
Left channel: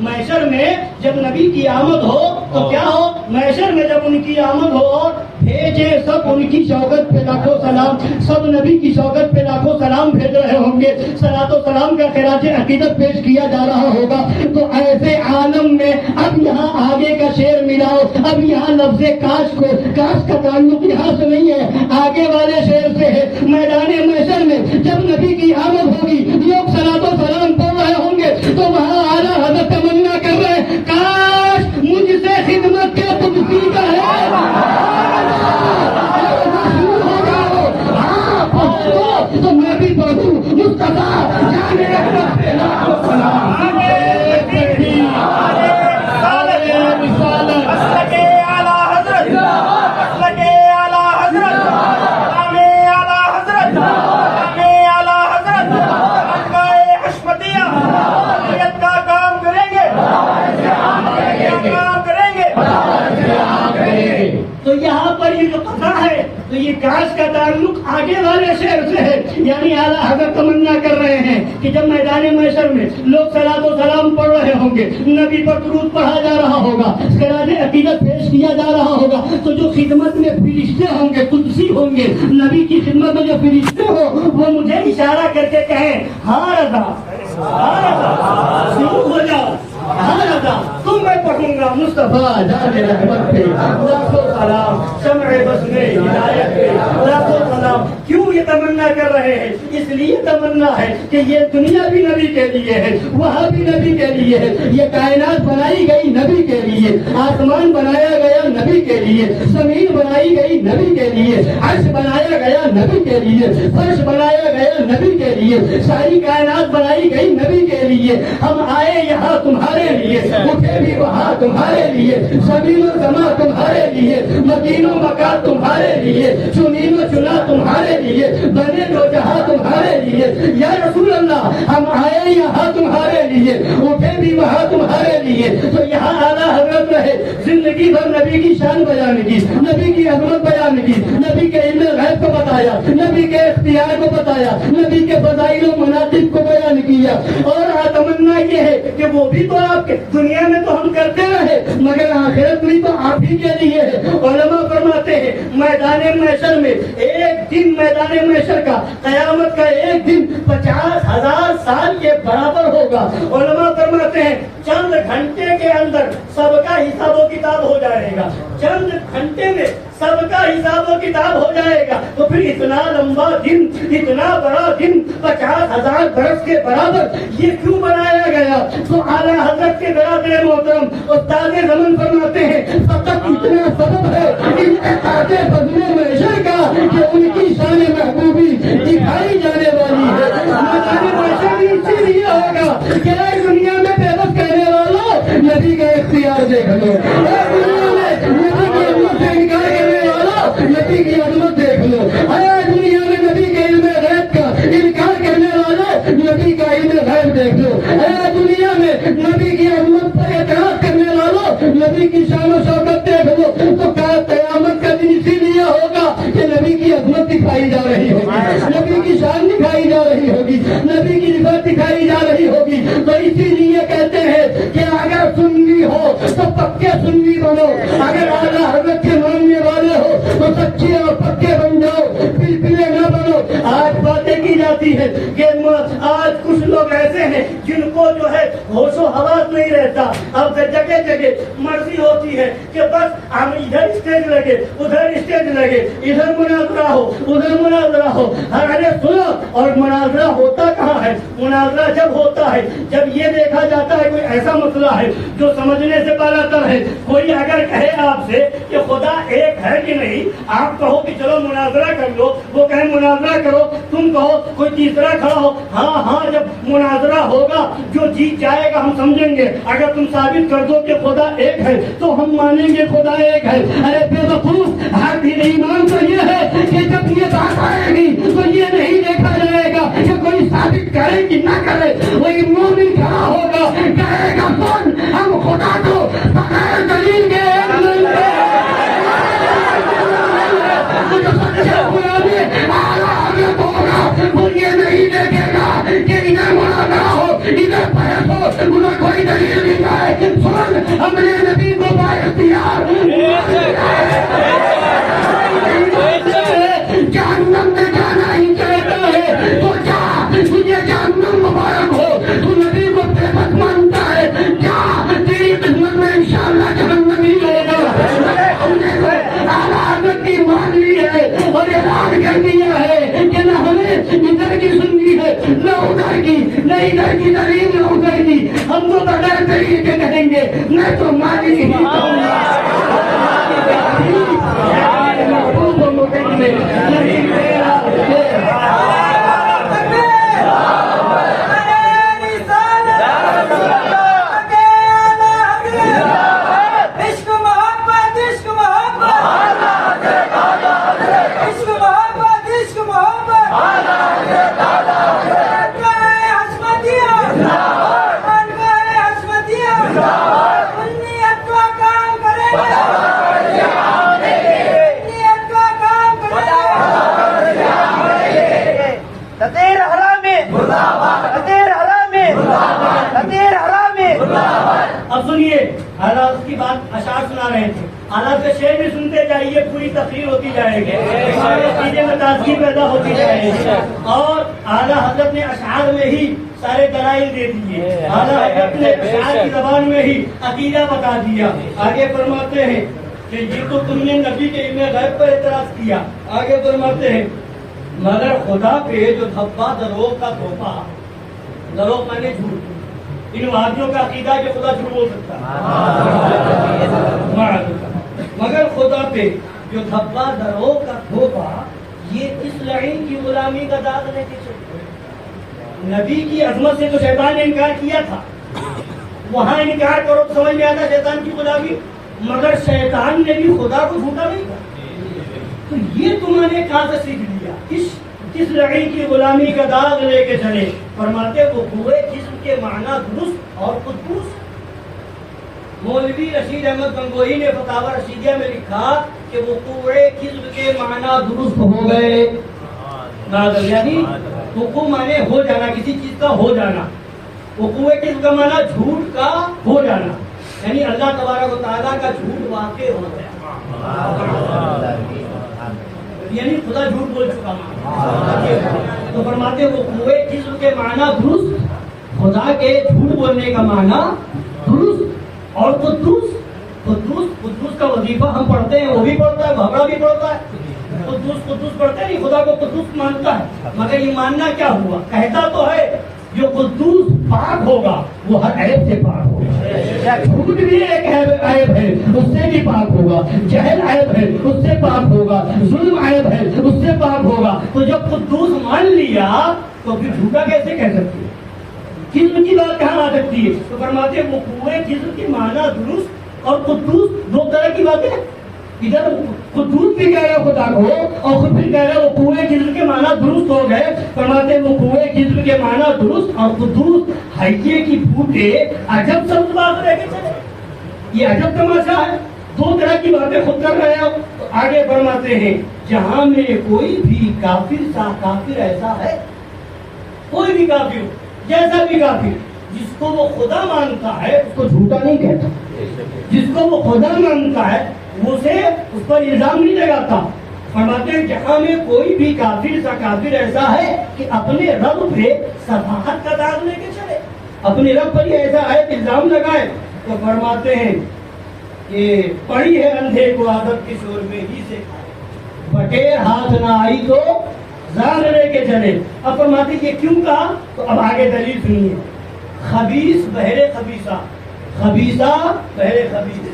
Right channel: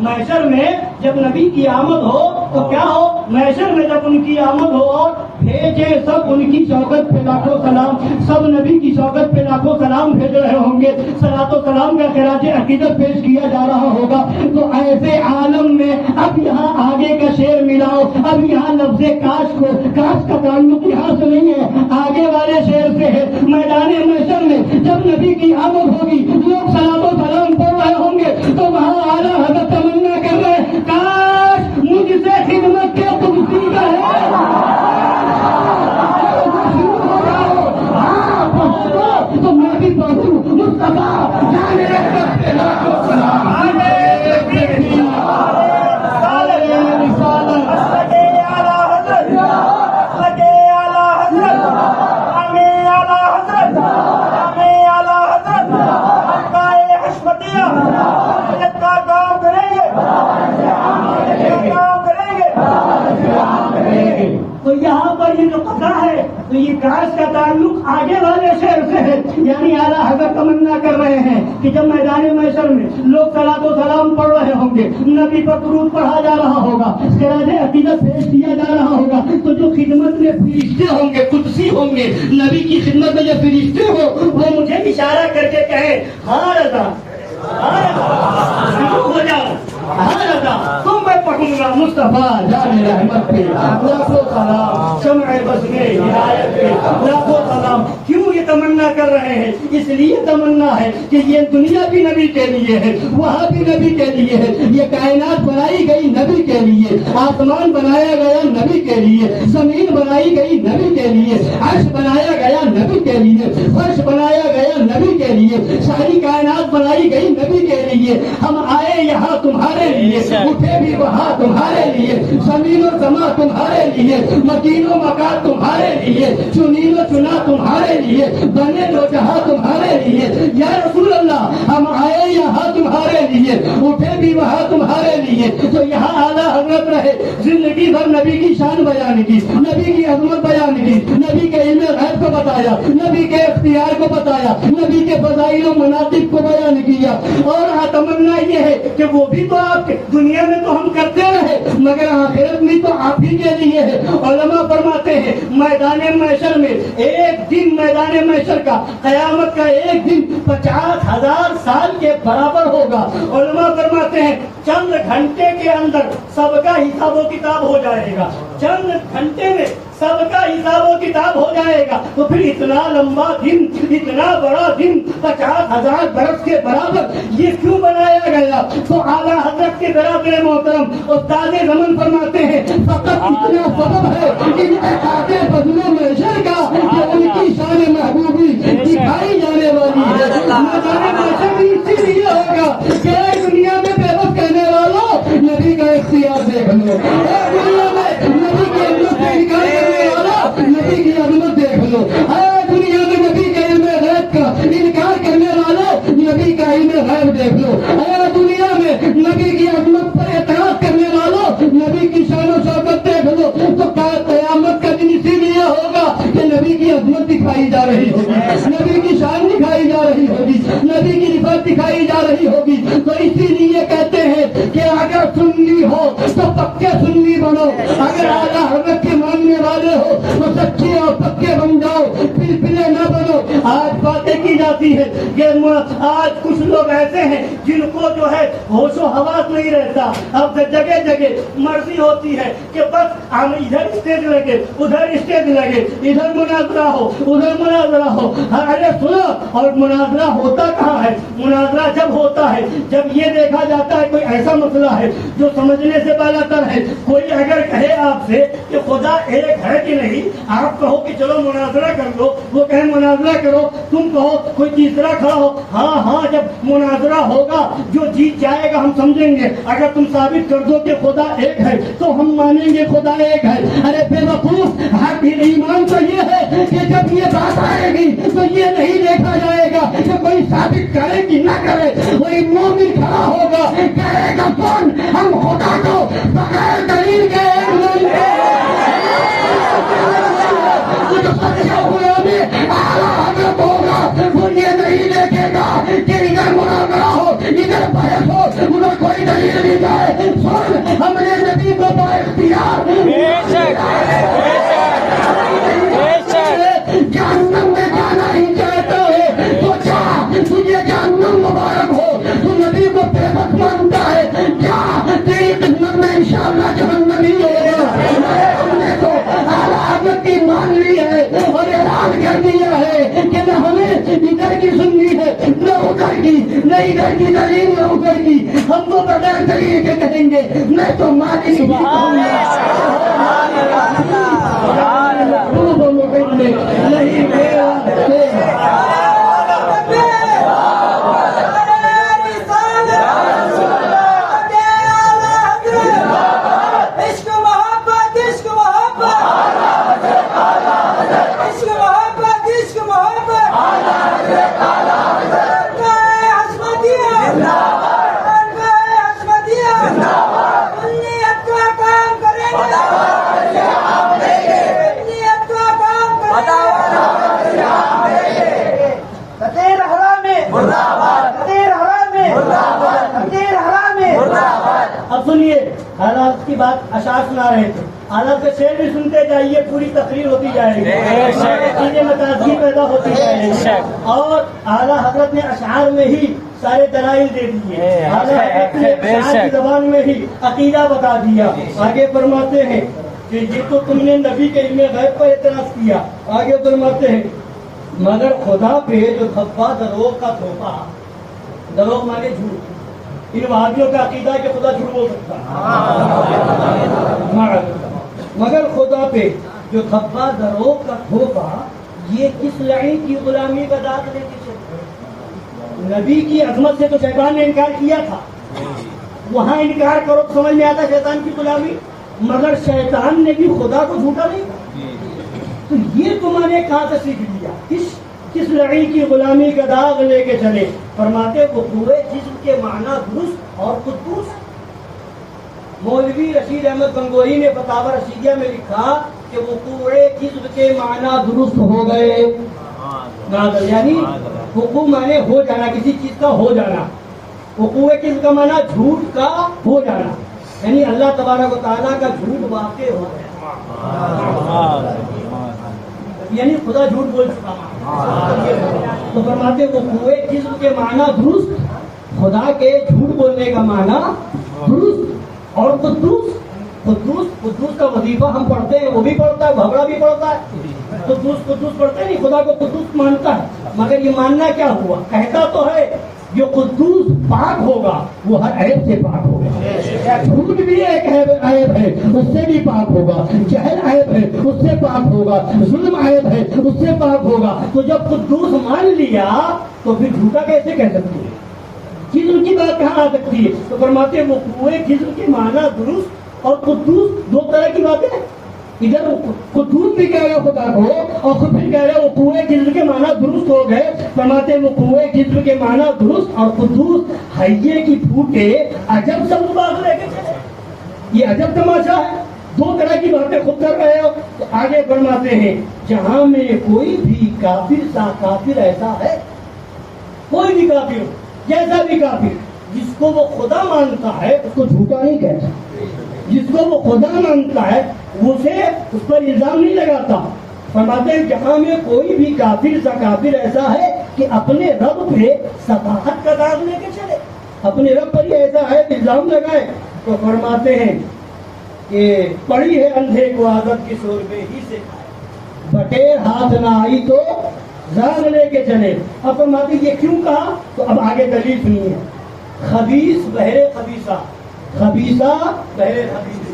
محشر میں جب نبی کی آمد ہو تو کیا ہو؟ محشر میں جب ان کی آمد ہو اور بھیجے سب ان کی شوکت پہ لاکھوں سلام, سب نبی کی شوکت پہ لاکھوں سلام بھیج رہے ہوں گے, صلاۃ و سلام کا خراج عقیدت پیش کیا جا رہا ہوگا. تو ایسے عالم میں اب یہاں آگے کا شعر ملاؤ, اب یہاں لفظ کاش کو, کاش کا تعلق یہاں سے نہیں ہے, آگے والے شعر سے ہے. میدان محشر میں جب نبی کی آمد ہوگی لوگ صلاۃ و سلام پڑھ رہے ہوں گے تو وہاں اعلیٰ حضرت تمنا کر رہے کاش مجھ سے خدمت کے تم سیدھا ہے. تو میں بھی پڑھوں مصطفیٰ جان رحمت پہ لاکھوں سلام. تو یہاں پر یہ جو قطع ہے تو یہ کاش کا تعلق آگے والے شعر سے ہے. یعنی اعلیٰ حضرت تمنا کر رہے ہیں کہ جب میدان محشر میں لوگ صلاۃ و سلام پڑھ رہے ہوں گے, نبی پر درود پڑھا جا رہا ہوگا, خراج عقیدت پیش کیا جا رہا ہوگا, تو جو خدمت میں فرشتے ہوں گے, قدسی ہوں گے, نبی کی خدمت میں جو فرشتے ہو وہ مجھے اشارہ کر کے کہیں ہاں رضا, شروع ہو جاؤ, ہاں رضا, تو میں پڑھوں گا مصطفیٰ جان رحمت پہ لاکھوں سلام, شمع بزمِ ہدایت پہ لاکھوں سلام. کیوں یہ تمنا کر رہے ہیں؟ اس لیے تمنا ہے کہ یہ دنیا بھی نبی کے لیے ہے, وہاں بھی نبی کے لیے ہے, یہ کائنات بنائی گئی نبی کے لیے, آسمان بنایا گیا نبی کے لیے, زمین بنائی گئی نبی کے لیے, عرش بنایا گیا نبی کے لیے, فرش بنایا گیا نبی کے لیے, ساری کائنات بنائی گئی نبی کے لیے. ہم آئے یہاں تمہارے لیے, اٹھے بھی وہاں تمہارے لیے, زمین و سما تمہارے لیے, مکین و مکان تمہارے لیے, چنین و چنا تمہارے لیے, بنے دو جہاں تمہارے لیے. یا رسول اللہ ہم آئے یہاں تمہارے لیے، اٹھے بھی وہاں تمہارے لیے، تو یہاں اعلیٰ حضرت رہے، زندگی بھر نبی کی شان بیان کی، نبی کی عظمت بیان کی، نبی کے علم غیب کو بتایا، نبی کے اختیار کو بتایا، نبی کے فضائل و مناقب کو بیان کیا، اور تمنا یہ ہے کہ وہ بھی تو آپ کے دنیا میں تو ہم کرتے رہے مگر آخرت میں تو آپ ہی کے لیے ہے۔ علماء فرماتے ہیں میدان محشر میں ایک دن، میدان محشر کا، قیامت کا ایک دن 50,000 سال کے برابر ہوگا۔ علماء فرماتے ہیں چند گھنٹے کے اندر سب کا حساب و کتاب ہو جائے گا، چند گھنٹے میں سب کا حساب و کتاب ہو جائے گا، تو پھر اتنا لمبا دن، اتنا بڑا دن 50,000 برس کے برابر یہ کیوں بنایا گیا؟ تو اعلیٰ حضرت کے برابر محترم استاد زمن فرماتے ہیں فقط اتنا سبب ہے ان احاطے فضل محشر کا کہ ان کی شان محبوبی دکھائی جانے والی ہے۔ میدان محشر بھی اسی لیے ہوگا کہ اے دنیا میں بے بس کہنے والوں نبی کا اختیار دیکھ لو، اے دنیا میں نبی کی عظمت سے انکار کرنے والا نبی کی عظمت دیکھ لو، اے دنیا میں نبی کے علم غیب کا انکار کرنے والا نبی کا علم غیب دیکھ لو، اے دنیا میں نبی کی عظمت پر اعتراض کرنے والوں نبی کی شان و شوکت دیکھ لو۔ تو قیامت کا دن اسی لیے ہوگا کہ نبی کی عظمت دکھائی جا رہی ہوگی، نبی کی شان دکھائی جا رہی ہوگی، نبی کی رفعت دکھائی جا رہی ہوگی۔ تو اسی لیے کہتے ہیں کہ اگر سنی ہو تو پکے سنی بنو، اگر اعلیٰ حضرت کے ماننے والے ہو تو سچے اور پکے بن جاؤ، پلپلے نہ بنو۔ آج باتیں کی جاتی ہے کہ آج کچھ لوگ ایسے ہیں جن کو جو ہے ہوش و حواس نہیں رہتا، اب جگہ جگہ مرضی ہوتی ہے کہ بس ہم ادھر اسٹیج لگے، ادھر اسٹیج لگے، ادھر مناظرہ ہو، ادھر مناظرہ ہو۔ ارے سنو، اور مناظرہ ہوتا کہاں ہے؟ مناظرہ جب ہوتا ہے جب یہ دیکھا جاتا ہے کوئی ایسا مسئلہ ہے جو سمجھنے سے بالا تر ہے۔ کوئی اگر کہے آپ سے کہ خدا ایک ہے کہ نہیں، آپ کہو کہ چلو مناظرہ کر لو، وہ کہے مناظرہ کرو، تم کہو کوئی تیسرا کھڑا ہو، ہاں ہاں جب مناظرہ ہوگا جو جیت جائے گا ہم سمجھیں گے، اگر تم ثابت کر دو کہ خدا ایک ہے تو ہم مانیں گے خدا ایک ہے۔ ارے بے وقوف، حق ایمان تو یہ ہے کہ جب یہ بات آئے گی تو یہ نہیں دیکھا جائے گا کہ کوئی ثابت کرے کہ نہ کرے، وہی مومن کھڑا ہوگا کہے گا کون ہم خدا کو بغیر دلیل کے مانتے ہیں۔ سچے ہوئے ابھی حضرت ہوگا، وہ یہ نہیں دیکھے گا کہ ادھر مناظرہ ہو، ادھر بحث ہو، ادھر کوئی دلیل نہیں جائے۔ سن، ہم نے نبی کو بااختیار جہنم میں جانا ہی چاہتا ہے تو جا، تجھے جہنم مبارک ہو۔ تو نبی کو بے بس مانتا ہے، جا، تیری خدمت میں انشاءاللہ جہنم ہی ہوگا۔ ہم نے تو اعلیٰ حضرت کی مان لی ہے اور اعلان کر دیا ہے کہ نہ ہمیں ادھر کی سننی ہے نہ ادھر کی، نہ ادھر کی دلیل نہ ادھر کی، ہم تو بغیر دلیل کے کہیں گے، میں تو مانی ہی کہوں گا۔ نہیں میرا اب سنیے، حالات کی بات اشعار سنا رہے تھے، حالات کا شعر بھی سنتے جائیے، پوری تقریر ہوتی جائے گی، عقیدے میں تازگی پیدا ہوتی جائے گی، اور اعلیٰ حضرت نے اشعار میں ہی سارے دلائل دے دیے، اعلیٰ حضرت نے اشعار کی زبان میں ہی عقیدہ بتا دیا۔ آگے فرماتے ہیں کہ یہ تو تم نے نبی کے علم غیب پر اعتراض کیا۔ آگے فرماتے ہیں مگر خدا پہ جو دھبا دروغ کا دھوپا، دروغ مانے جھوٹ، ان وہابیوں کا عقیدہ ہے کہ خدا جھوٹ بول سکتا، مگر خدا پہ جو دھبا دروغ کا دھوپا، یہ کس لعین کی غلامی کا داغ لے کے چلتے ہیں؟ نبی کی عظمت سے تو شیطان نے انکار کیا تھا، وہاں انکار کرو تو سمجھ میں آتا شیطان کی غلامی، مگر شیطان نے بھی خدا کو جھوٹا نہیں کہا۔ تو یہ تمہارے کہاں سے سیکھ لیا؟ اس کس لڑی کی غلامی کا داغ لے کے چلے. فرماتے وہ پورے جسم کے معنی درست اور قدوس. مولوی رشید احمد گنگوہی نے فتاوی رشیدیہ میں لکھا کہ وہ پورے جسم کے معنی درست ہو گئے. یعنی وقوع مانے ہو جانا، کسی چیز کا ہو جانا. وقوع جسم کا معنی جھوٹ کا ہو جانا، یعنی اللہ تبارک و تعالیٰ کا جھوٹ واقع ہو گیا، یعنی خدا جھوٹ بول چکا. تو فرماتے وہ پورے جسم کے معنی درست، خدا کے جھوٹ بولنے کا معنی درست اور قدوس. قدوس کا وظیفہ ہم پڑھتے ہیں، وہ بھی پڑھتا ہے، بھبڑا بھی پڑھتا ہے. قدوس پڑھتے نہیں، خدا کو قدوس مانتا ہے. مگر یہ ماننا کیا ہوا؟ کہتا تو ہے جو قدوس پاک ہوگا وہ ہر عیب سے پاک ہوگا. جھوٹ بھی ایک عیب ہے، اس سے بھی پاک ہوگا. جہل عیب ہے، اس سے پاک ہوگا. ظلم عیب ہے، اس سے پاک ہوگا. تو جب قدوس مان لیا تو پھر جھوٹا کیسے کہہ سکتی ہے؟ جسم کی بات کہاں آ سکتی ہے؟ تو فرماتے ہیں وہ پورے جسم کے معنی درست اور قدوس دو طرح کی باتیں. ادھر قدوس بھی کہہ رہے خدا کو اور خود بھی کہہ رہے وہ پورے جسم کے معنی درست ہو گئے. فرماتے وہ پورے جسم کے معنی درست اور قدوس حیے کی پھوٹے عجب سبز بات رہ کے چلے. یہ عجب تماشا ہے، دو طرح کی باتیں خود کر رہے ہو. تو آگے فرماتے ہیں جہاں میں کوئی بھی کافر سا کافر ایسا ہے، کوئی بھی کافر ہو، جیسا بھی کافر، جس کو وہ خدا مانتا ہے اس کو جھوٹا نہیں کہتا. جس کو وہ خدا مانتا ہے اسے اس پر الزام نہیں لگاتا. فرماتے ہیں جہاں میں کوئی بھی کافر سا کافر ایسا ہے کہ اپنے رب پہ صفاحت کا داغ لے کے چلے، اپنے رب پر ہی ایسا ہے کہ الزام لگائے. تو فرماتے ہیں کہ پڑی ہے اندھے کو عادت کے شوربے ہی سے کھائے، بٹیر ہاتھ نہ آئی تو زان لے کے چلے. اب فرماتے ہیں یہ کیوں کہا؟ تو اب آگے دلیل سنیے. خبیث بہرے خبیثہ، خبیثہ بہرے خبیث،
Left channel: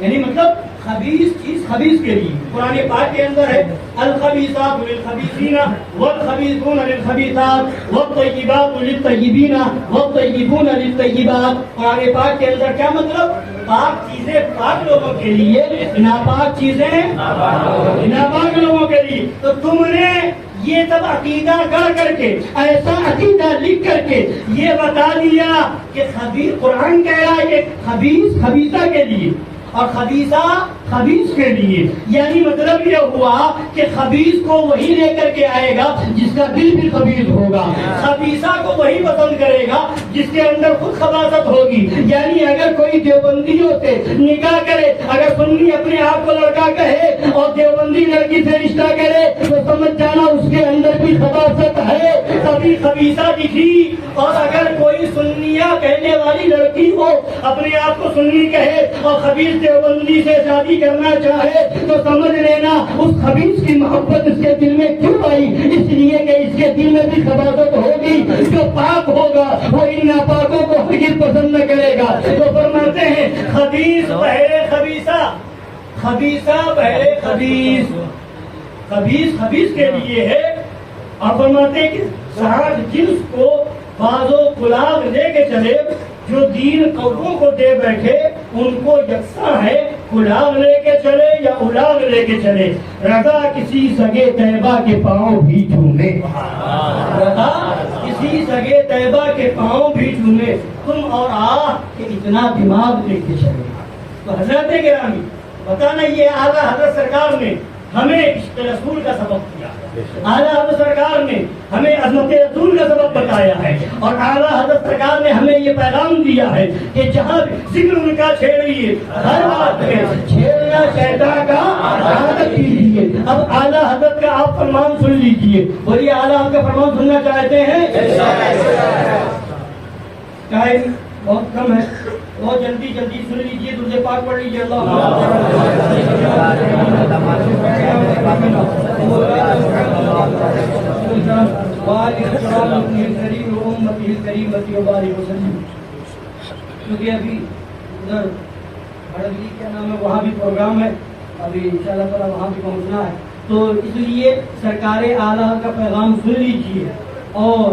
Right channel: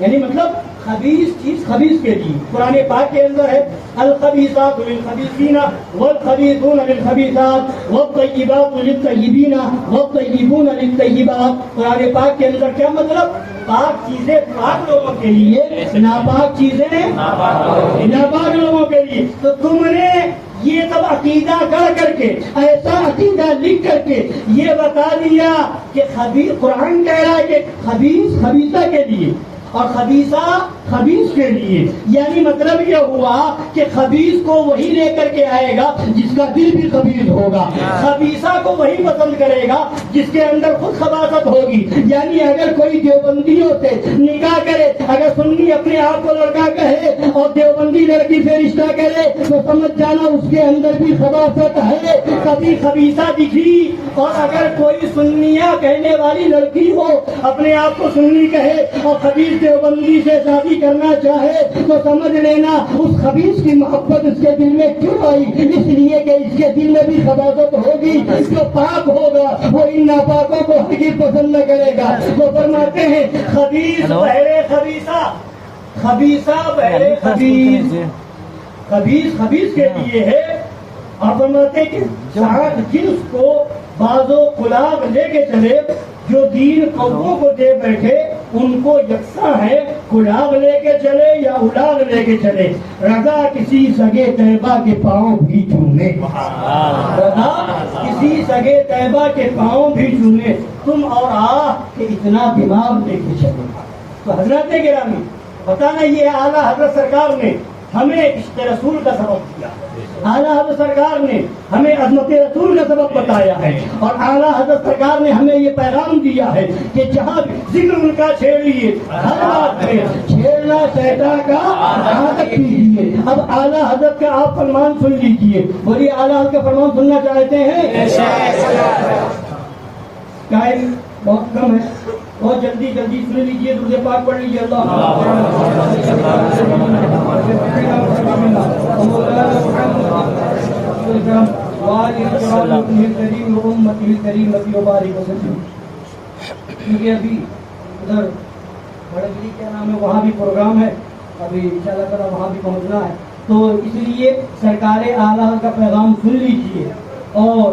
یعنی مطلب خبیث چیز خبیث کے لیے. قرآن پاک کے اندر ہے الخبیثات للخبیثین والخبیثون للخبیثات والطیبات للطیبین والطیبون للطیبات. قرآن پاک کے اندر کیا مطلب؟ پاک چیزیں پاک لوگوں کے لیے، ناپاک چیزیں ناپاک لوگوں کے لیے. تو تم نے یہ سب عقیدہ کر کے، ایسا عقیدہ لکھ کر کے یہ بتا دیا کہ خبیث، قرآن کہہ رہا ہے کہ خبیث خبیثہ کے لیے اور خبیثہ خبیث کے لیے. یعنی مطلب یہ ہوا کہ خبیث کو وہی لے کر کے آئے گا جس کا دل بھی خبیث ہوگا، خبیثہ کو وہی پسند کرے گا جس کے اندر خود خباثت ہوگی. یعنی اگر کوئی دیوبندیوں سے نکاح کرے، اگر سنی اپنے آپ کو لڑکا کہے اور دیوبندی لڑکی سے رشتہ کرے تو سمجھ جانا اس کے اندر بھی خباثت ہے، کبھی خبیثہ دکھی. اور اگر کوئی سنیہ کہنے والی لڑکی ہو، اپنے آپ کو سنی کہے اور خبیث دیوبندی سے شادی کرنا چاہے تو سمجھ لینا اس خبیث کی محبت اس کے دل میں کیوں آئی؟ اس لیے کہ اس کے دل میں بھی خباثت ہوگی. جو پاک ہوگا وہ ان ناپاکوں کو ہرگز پسند نہ کرے گا. تو فرماتے ہیں خبیث بہرے خبیثہ، خبیثہ بہرے خبیث، خبیث خبیث کے لیے ہے. اور فرماتے ہیں کہ ساتھ جنس کو بازو کلاگ لے کے چلے، جو دین قوموں کو دے بیٹھے ان کو یکساں ہے، کلاگ لے کے چلے یا الاگ لے کے چلے. رضا کسی سگے طیبہ کے پاؤں بھی چومے، رضا کسی سگے طیبہ کے پاؤں بھی چومے. تم اور کہ اتنا دماغ لے کے چلے. تو حضرت گرامی بتانا یہ اعلیٰ حضرت سرکار نے ہمیں عشق رسول کا سبب کیا، اعلیٰ حضرت سرکار نے ہمیں عظمت رسول کا سبب بتایا ہے. اور اعلیٰ حضرت سرکار نے ہمیں یہ پیغام دیا ہے کہ جہاں ذکر ان کا چھیڑیے، ہر بات پہ چھیڑنا شیطان کا عادت کیجیے. اب اعلیٰ حضرت کا آپ فرمان سن لیجیے. بولیے اعلیٰ حضرت کا فرمان سننا چاہتے ہیں؟ ٹائم بہت کم ہے، بہت جلدی سن لیجیے، درود پاک پڑھ لیجیے. کیونکہ ابھی ادھر کیا نام ہے وہاں بھی پروگرام ہے، ابھی انشاءاللہ تعالیٰ وہاں بھی پہنچنا ہے. تو اس لیے سرکار اعلیٰ کا پیغام سن لیجیے اور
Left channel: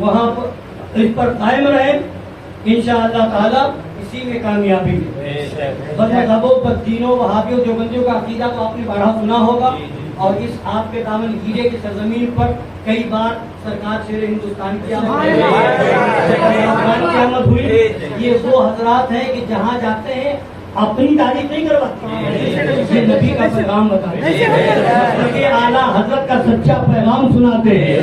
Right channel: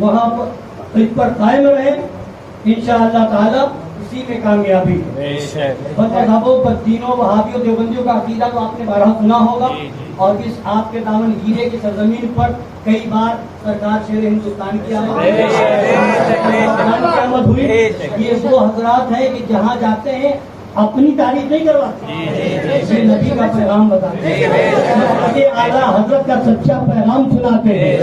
وہاں پر اس پر قائم رہیں. انشاءاللہ تعالیٰ اسی میں کامیابی ہے. مذہبوں پر تینوں وہابیوں دیوبندیوں کا عقیدہ تو آپ نے بارہا سنا ہوگا. اور اس آپ کے دامن گیرے کی سرزمین پر کئی بار سرکار شیر ہندوستان کی آمد ہوئی. یہ وہ حضرات ہیں کہ جہاں جاتے ہیں اپنی تعریف نہیں کرواتے, یہ نبی کا پیغام بتاتے ہیں, اعلیٰ حضرت کا سچا پیغام سناتے ہیں.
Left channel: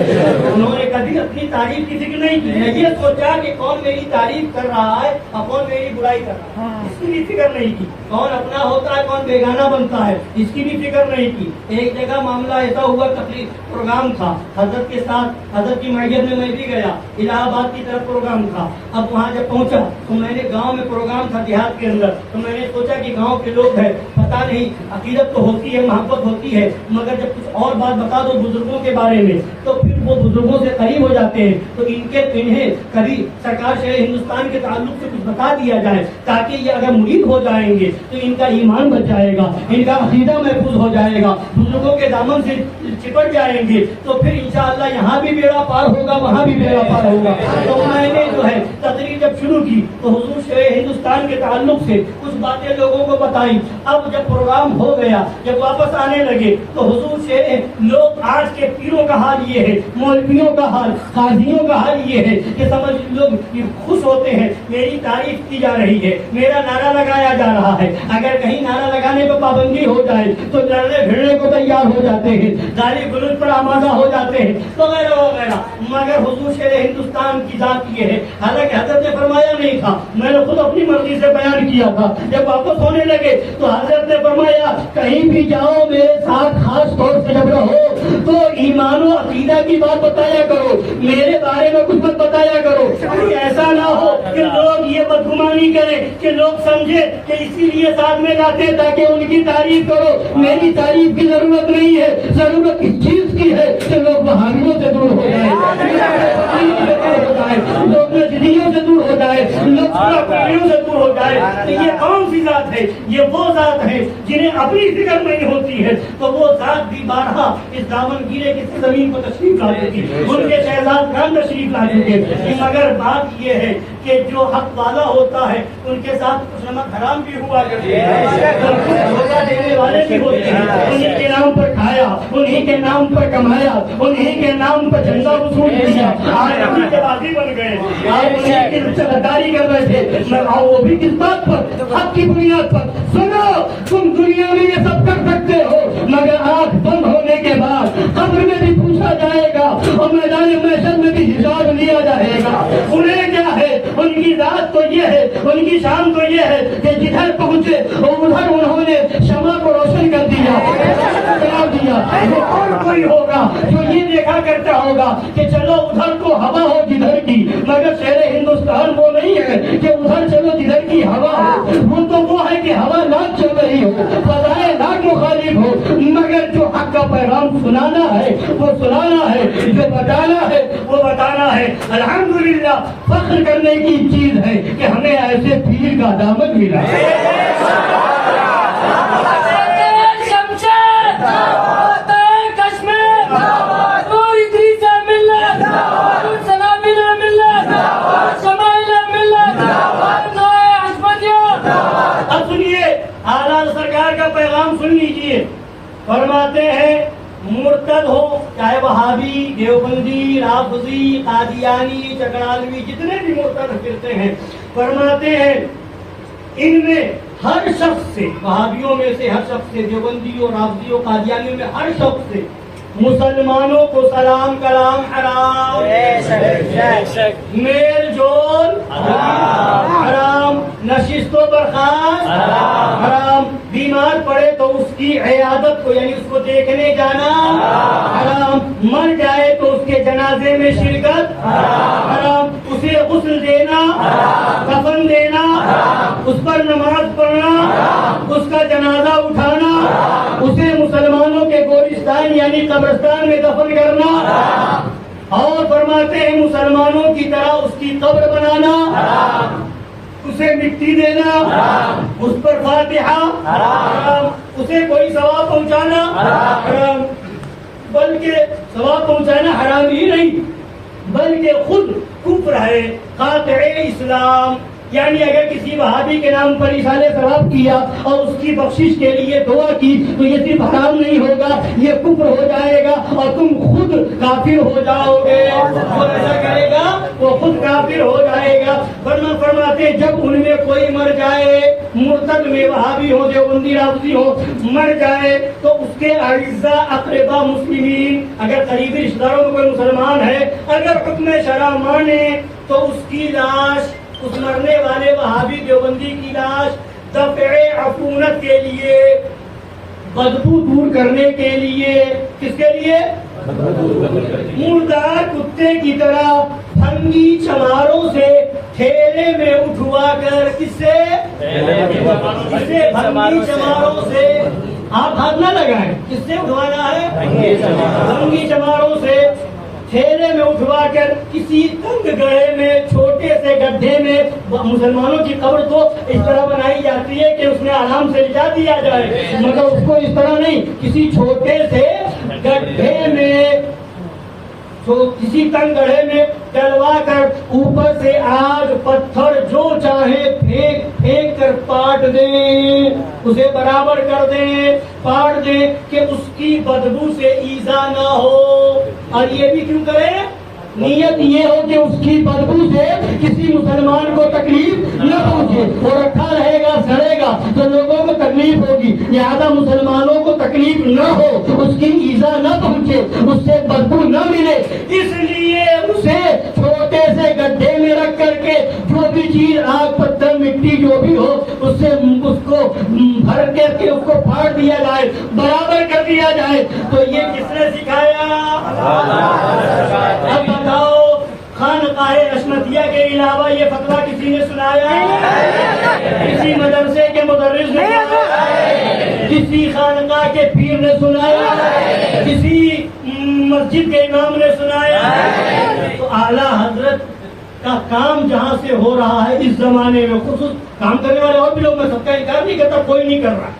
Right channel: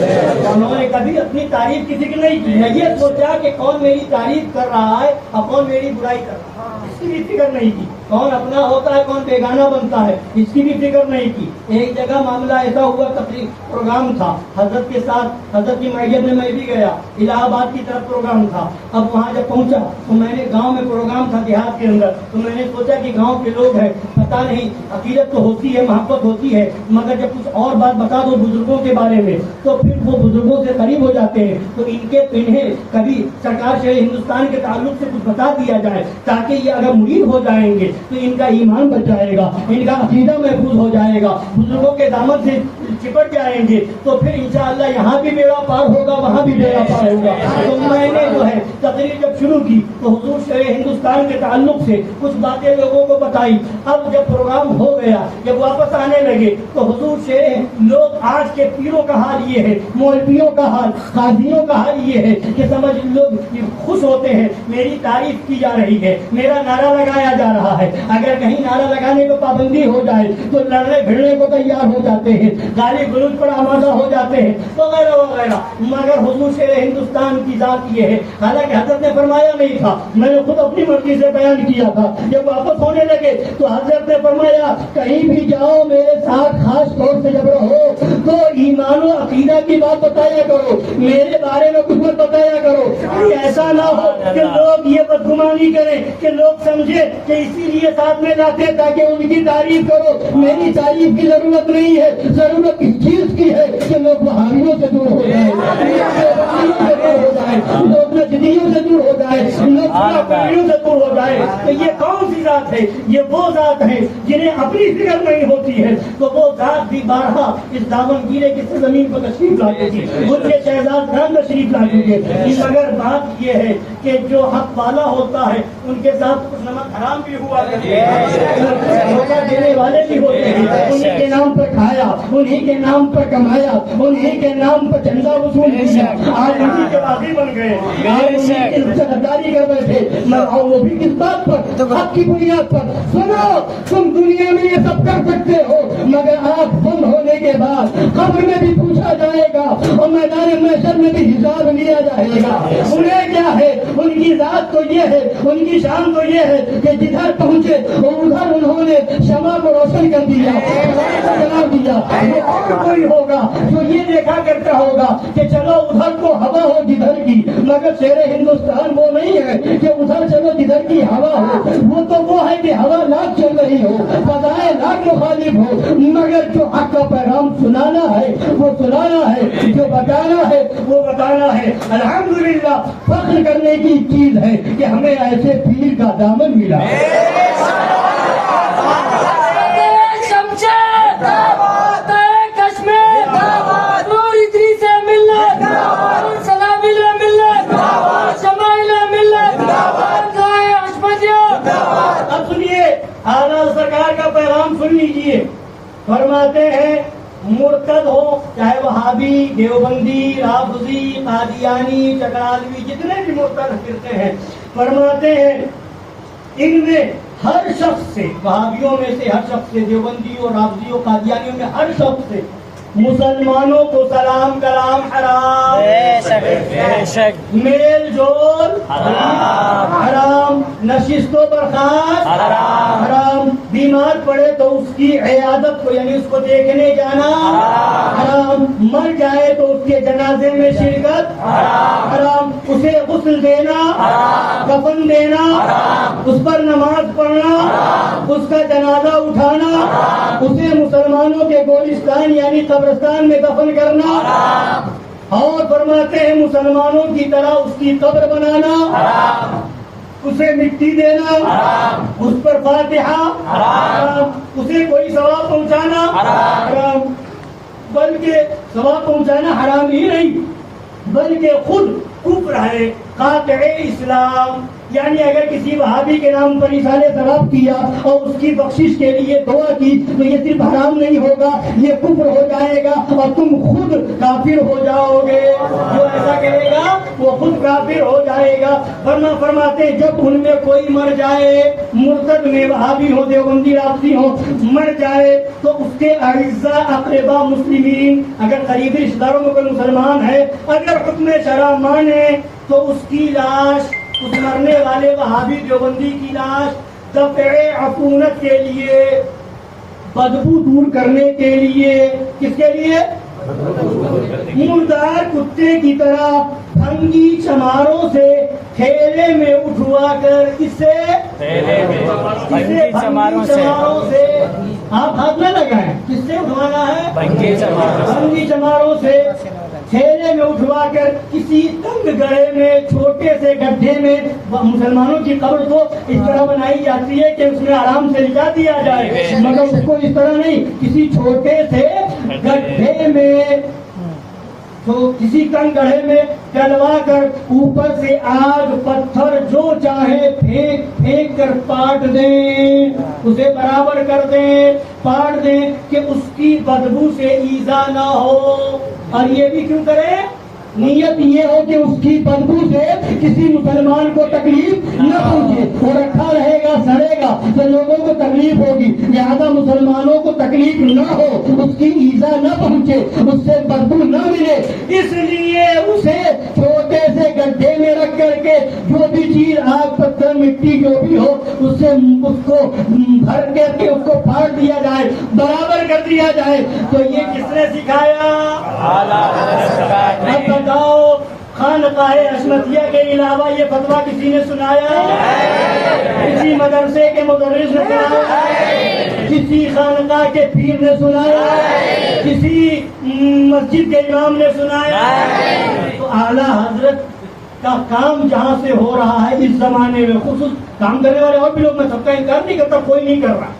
انہوں نے کبھی اپنی تعریف کی ذکر نہیں کی, نہ یہ سوچا کہ کون میری تعریف کر رہا ہے اور کون میری برائی کر رہا ہے, اس کی بھی فکر نہیں کی. کون اپنا ہوتا ہے کون بیگانہ بنتا ہے, اس کی بھی فکر نہیں کی. ایک جگہ معاملہ ایسا ہوا, تقریب پروگرام تھا حضرت کے ساتھ, حضرت کی معیت میں بھی گیا, الہ آباد کی طرف پروگرام تھا. اب وہاں جب پہنچا تو میں نے گاؤں میں پروگرام تھا دیہات کے اندر, تو میں نے سوچا کہ گاؤں کے لوگ ہیں, پتہ نہیں عقیدت تو ہوتی ہے, محبت ہوتی ہے, مگر جب کچھ اور بات بتا دو بزرگوں کے بارے میں تو پھر وہ بزرگوں سے قریب ہو جاتے ہیں. تو انہیں کبھی سرکار شیر ہندوستان کے تعلق سے کچھ بتا دیا جائے تاکہ یہ اگر مرید ہو جائیں گے تو ان کا ایمان بچ جائے گا, ان کا عقیدہ محفوظ ہو جائے گا, بزرگوں کے دامن سے چپٹ جائیں گے, تو پھر انشاءاللہ یہاں بھی بیڑا پار ہوگا, وہاں بھی بیڑا پار ہوگا. تو میں نے جو ہے تقریر جب شروع کی تو حضور شیر ہندوستان کے تعلق سے کچھ باتیں لوگوں کو بتائی. اب جب پروگرام ہو گیا, جب واپس آنے لگے تو حضور شیر, لوگ آج کے پیروں کا حال یہ ہے, مولویوں کا حال, قاضیوں کا حال یہ ہے کہ سمجھ لوگ خوش ہوتے ہیں, میری تعریف کی جا رہی ہے, میرا نعرہ لگایا جا رہا ہے, اگر کہیں نعرہ لگانے کو پابندی ہو جائے تو لڑنے بھیڑنے کو تیار ہو جاتے ہیں, گالی گلوچ پر آمادہ ہو جاتے ہیں وغیرہ وغیرہ. مگر حضور شیر ہندوستان کی ذات یہ ہے, حالانکہ حضرت نے فرمایا نہیں تھا, میں نے خود اپنی مرضی سے بیان کیا تھا. جب واپس ہونے لگے تو حضرت نے فرمایا کہیں بھی جاؤ میرے ساتھ خاص طور سے جب رہو تو ایمان و عقیدہ کی بات بتایا کرو, میرے بارے میں کچھ مت بتایا کرو. ایسا نہ ہو کہ لوگ یہ بدگمانی کریں کہ لوگ سمجھے کہ اسی لیے ساتھ میں لاتے تاکہ ان کی تعریف کرو. میری تعریف کی ضرورت نہیں ہے, ضرورت اس چیز کی ہے کہ لوگ بہاریوں سے دور ہو جائیں, لوگ نجدیوں سے دور ہو جائے, لوگ پراپریوں سے دور ہو جائے. تو یہ کون سی ذات ہے؟ یہ وہ ذات ہے جنہیں اپنی فکر نہیں ہوتی ہے. تو وہ ذات بھی بارہا اس دامن گیرے کی زمین پر تشریف لاتے تھی, ان کے شہزاد خان تشریف لا چکے. مگر بات یہ ہے کہ جو حق والا ہوتا ہے ان کے ساتھ کچھ نمک حرام بھی ہوا کرتے ہیں, دھوکہ دینے والے بھی ہوتے ہیں. انہیں کے نام پر کھایا, انہیں کے نام پر کمایا, انہیں کے نام پر جھنڈا وصول کیا, آج انہیں کے راضی بن گئے, آج انہیں کی سرداری کر رہے تھے. اور وہ بھی کس بات پر؟ حق کی بنیاد پر. سنو, تم دنیا میں یہ سب کر سکتے ہو مگر آنکھ بند ہونے کے بعد قبر میں بھی پوچھا جائے گا اور میدان محشر میں بھی حساب لیا جائے گا. انہیں کیا ہے, ان کی ذات تو یہ ہے, ان کی شان تو یہ ہے کہ جدھر پہنچے اور ادھر انہوں نے شمع کو روشن کر دیا, بنا دیا. وہ اور کوئی ہوگا جو یہ دیکھا کرتا ہوگا کہ چلو ادھر کو ہوا ہو جدھر کی, مگر شیر ہندوستان وہ نہیں ہے کہ ادھر چلو جدھر کی ہوا ہو. وہ تو وہ ہے کہ ہوا لاکھ چل رہی ہو, فضائے لاکھ مخالف ہو, مگر جو حق کا پیغام سنانا ہے وہ سنانا ہے, جو بتانا ہے وہ بتانا ہے. الحمدللہ فخر کرنے کی چیز ہے کہ ہمیں ایسے پیر کا دامن ملا. اب سنیے, اعلیٰ سرکار کا پیغام سن لیجیے. فرماتے ہیں مرتد ہو, چاہے وہابی, دیوبندی, رافضی, قادیانی, چکرالوی, جتنے بھی مرتد پھرتے ہیں, فرماتے ہیں ان میں ہر شخص سے, وہابیوں میں سے ہر شخص سے, دیوبندیوں, رافضیوں, قادیانیوں میں ہر شخص سے مسلمانوں کو سلام کلام حرام, میل جول حرام, نشست و برخاست حرام, بیمار پڑے تو اس کی عیادت کو یعنی اس کو دیکھنے جانا حرام, مر جائے تو اس کے جنازے میں شرکت حرام, اسے غسل دینا, کفن دینا, اس پر نماز پڑھنا, اس کا جنازہ اٹھانا, اسے مسلمانوں کے گورستان یعنی قبرستان میں دفن کرنا, اور فرماتے ہیں مسلمانوں کی طرح اس کی قبر بنانا, اسے مٹی دینا, اس پر فاتحہ حرام, اسے کوئی ثواب پہنچانا حرام. بلکہ ثواب پہنچانا حرام ہی نہیں بلکہ خود کفر ہے, قاطع اسلام. یعنی اگر کسی وہابی کے نام پر ایصال ثواب کیا اور اس کی بخشش کے لیے دعا کی تو یہ صرف حرام نہیں ہوگا، یہ کفر ہو جائے گا اور تم خود کافر ہو جاؤ گے۔ جو ایسا کرے گا وہ خود کافر ہو جائے گا۔ فرماتے جب ان میں کوئی مر جائے، مرتد میں وہابی ہو، دیوبندی رافضی ہو، مر جائے تو اس کے اعزاء اقربا مسلمین، اگر قریبی رشتہ داروں میں کوئی مسلمان ہے، اگر حکم شرع مانے تو اس کی لاش، اس مرنے والے وہابی دیوبندی کی لاش دفع عفونت کے لیے، بدبو دور کرنے کے لیے، کس کے لیے؟ مردار کتے کی طرح پھنگی چماروں سے تھیلے میں اٹھوا کر، کس سے؟ پھنگی چماروں سے، آپ ہاتھ نہ لگائیں، کس سے اٹھوانا ہے؟ پھنگی چماروں سے تھیلے میں اٹھوا کر کسی تنگ گڑھے میں، چھوٹے سے گڈھے میں۔ مسلمانوں کی قبر تو اس طرح بنائی جاتی ہے کہ اس میں آرام سے لٹا دیا جائے، مگر اس کو اس طرح نہیں، کسی چھوٹے سے گڈھے میں، کسی تنگ گڑھے میں ڈلوا کر اوپر سے آگ پتھر جو چاہے پھینک پھینک کر پاٹ دیں، اسے برابر کر دیں، پاٹ دیں کہ اس کی بدبو سے ایذا نہ ہو۔ اور یہ بھی کیوں کریں؟ نیت یہ ہو کہ اس کی بدبو سے کسی مسلمان کو تکلیف نہ پہنچے، وہ رکھا رہے گا، سڑے گا تو لوگوں کو تکلیف ہوگی، لہذا مسلمانوں کو تکلیف نہ ہو، اس کی ایذا نہ پہنچے، اس سے بدبو نہ ملے، اس لیے اسے چھوٹے سے گڈھے میں رکھ کر کے جو بھی چیز، آگ پتھر مٹی جو بھی ہو، اس سے اس کو بھر کے اس کو پھاڑ دیا جائے، برابر کر دیا جائے۔ تو یہ کس نے سکھایا؟ اب بتاؤ، خانقاہ عصمتیہ کے علاوہ یہ فتویٰ کسی نے سنایا؟ کسی مدرسے کے مدرس نے سنایا؟ کسی خانقاہ کے پیر نے سنایا؟ کسی مسجد کے امام نے سنایا؟ تو اعلیٰ حضرت کا کام جہاں سے ہو رہا ہے اس زمانے میں، خصوص کام کرنے والے اور بھی لوگ، میں سب کا انکار نہیں کرتا، کوئی نہیں کر رہا،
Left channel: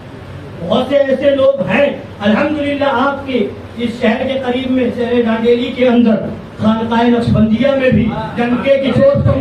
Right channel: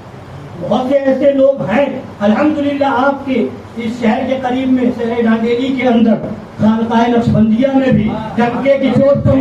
بہت سے ایسے لوگ ہیں الحمدللہ۔ آپ کے اس شہر کے قریب میں، شہر ڈھاڈیلی کے اندر، خانقاہ نقشبندیہ میں بھی ڈنکے کی چوٹ پر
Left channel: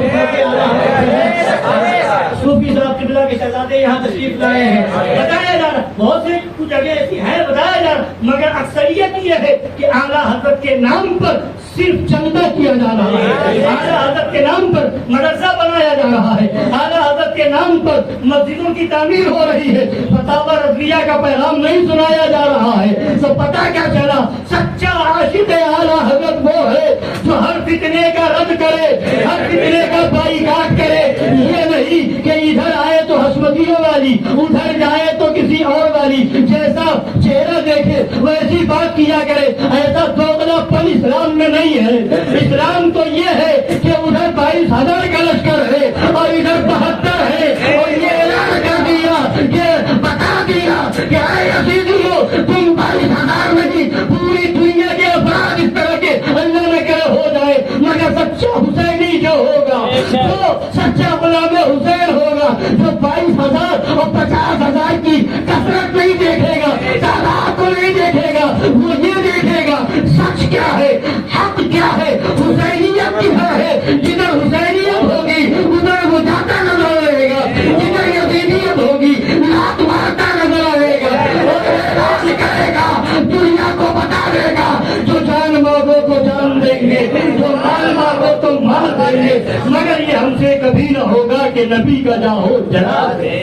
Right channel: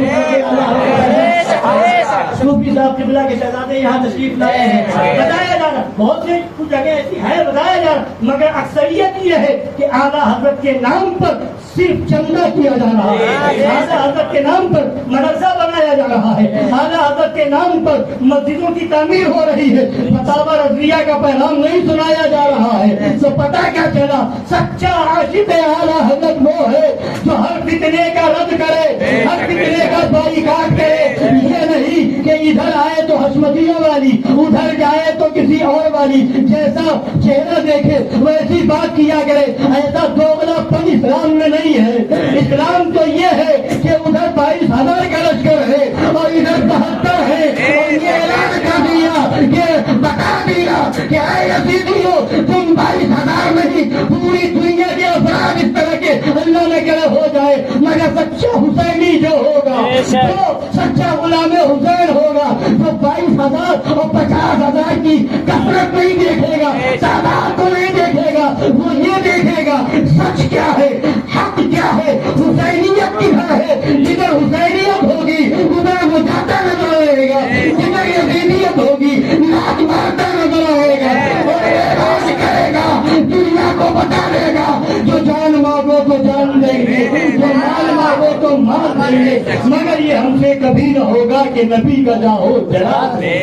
صوفی صاحب قبلہ کے شہزادے یہاں تشریف لائے ہیں، بتایا جا رہا، بہت سے جگہ ایسی ہے بتایا جا رہا، مگر اکثریت یہ ہے کہ اعلیٰ حضرت کے نام پر صرف چندہ کیا جا رہا ہے، اعلیٰ حضرت کے نام پر مدرسہ بنایا جا رہا ہے، اعلیٰ حضرت کے نام پر مسجدوں کی تعمیر ہو رہی ہے، فتاوی رضویہ کا پیغام نہیں سنایا جا رہا ہے۔ تو پتہ کیا چلا؟ سچا عاشق اعلیٰ حضرت وہ ہے جو ہر فتنے کا رد کرے، ہر فتنے کا بائیکاٹ کرے، یہ نہیں کہ ادھر آئے تو حشمتیوں والی، ادھر جائے تو کسی اور والی، جیسا چہرہ دیکھے ویسی بات کیا کرے، ایسا دوغلا پن اسلام میں نہیں ہے۔ اسلام تو یہ ہے کہ ادھر 22,000 کا لشکر ہے اور ادھر 72 ہے، اور یہ اعلان کر دیا، یہ بتا دیا کہ اے یزیدیو، تم 22,000 نہیں، پوری دنیا کے افراد اس طرح کے اللہ نہ کرے ہو جائے، مگر سچا حسینی جو ہوگا، جو سچا غلام حسین ہوگا، جو 22,000 اور 50,000 کی کثرت نہیں دیکھے گا، تعداد کو نہیں دیکھے گا، وہ یہ دیکھے گا سچ کیا ہے، حق کیا ہے، حسینیت کیا ہے۔ جدھر حسینیت ہوگی ادھر وہ جاتا نظر آئے گا، جدھر یزیدیت ہوگی لات مارتا نظر آئے گا، اور اعلان کرے گا، دنیا کو بتا دے گا، جو جان مانگو تو جان دیں گے، جو مال مانگو تو مال دیں گے، مگر یہ ہم سے کبھی نہ ہوگا کہ نبی کا جاؤ جلا دے۔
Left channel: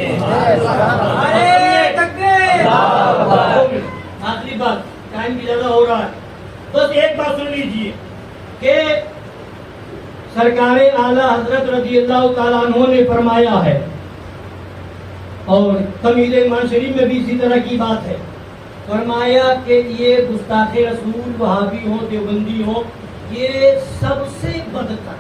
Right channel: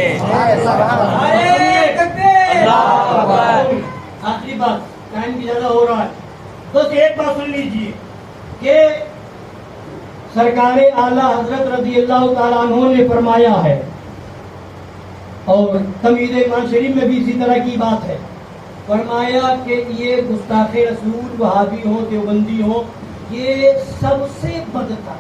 آخری بات، ٹائم بھی زیادہ ہو رہا ہے، بس ایک بات سن لیجیے کہ سرکار اعلیٰ حضرت رضی اللہ تعالیٰ عنہ نے فرمایا ہے، اور تمہید ایمان شریف میں بھی اسی طرح کی بات ہے، فرمایا کہ یہ گستاخ رسول وہابی ہوں، دیوبندی ہوں، یہ سب سے بدتر،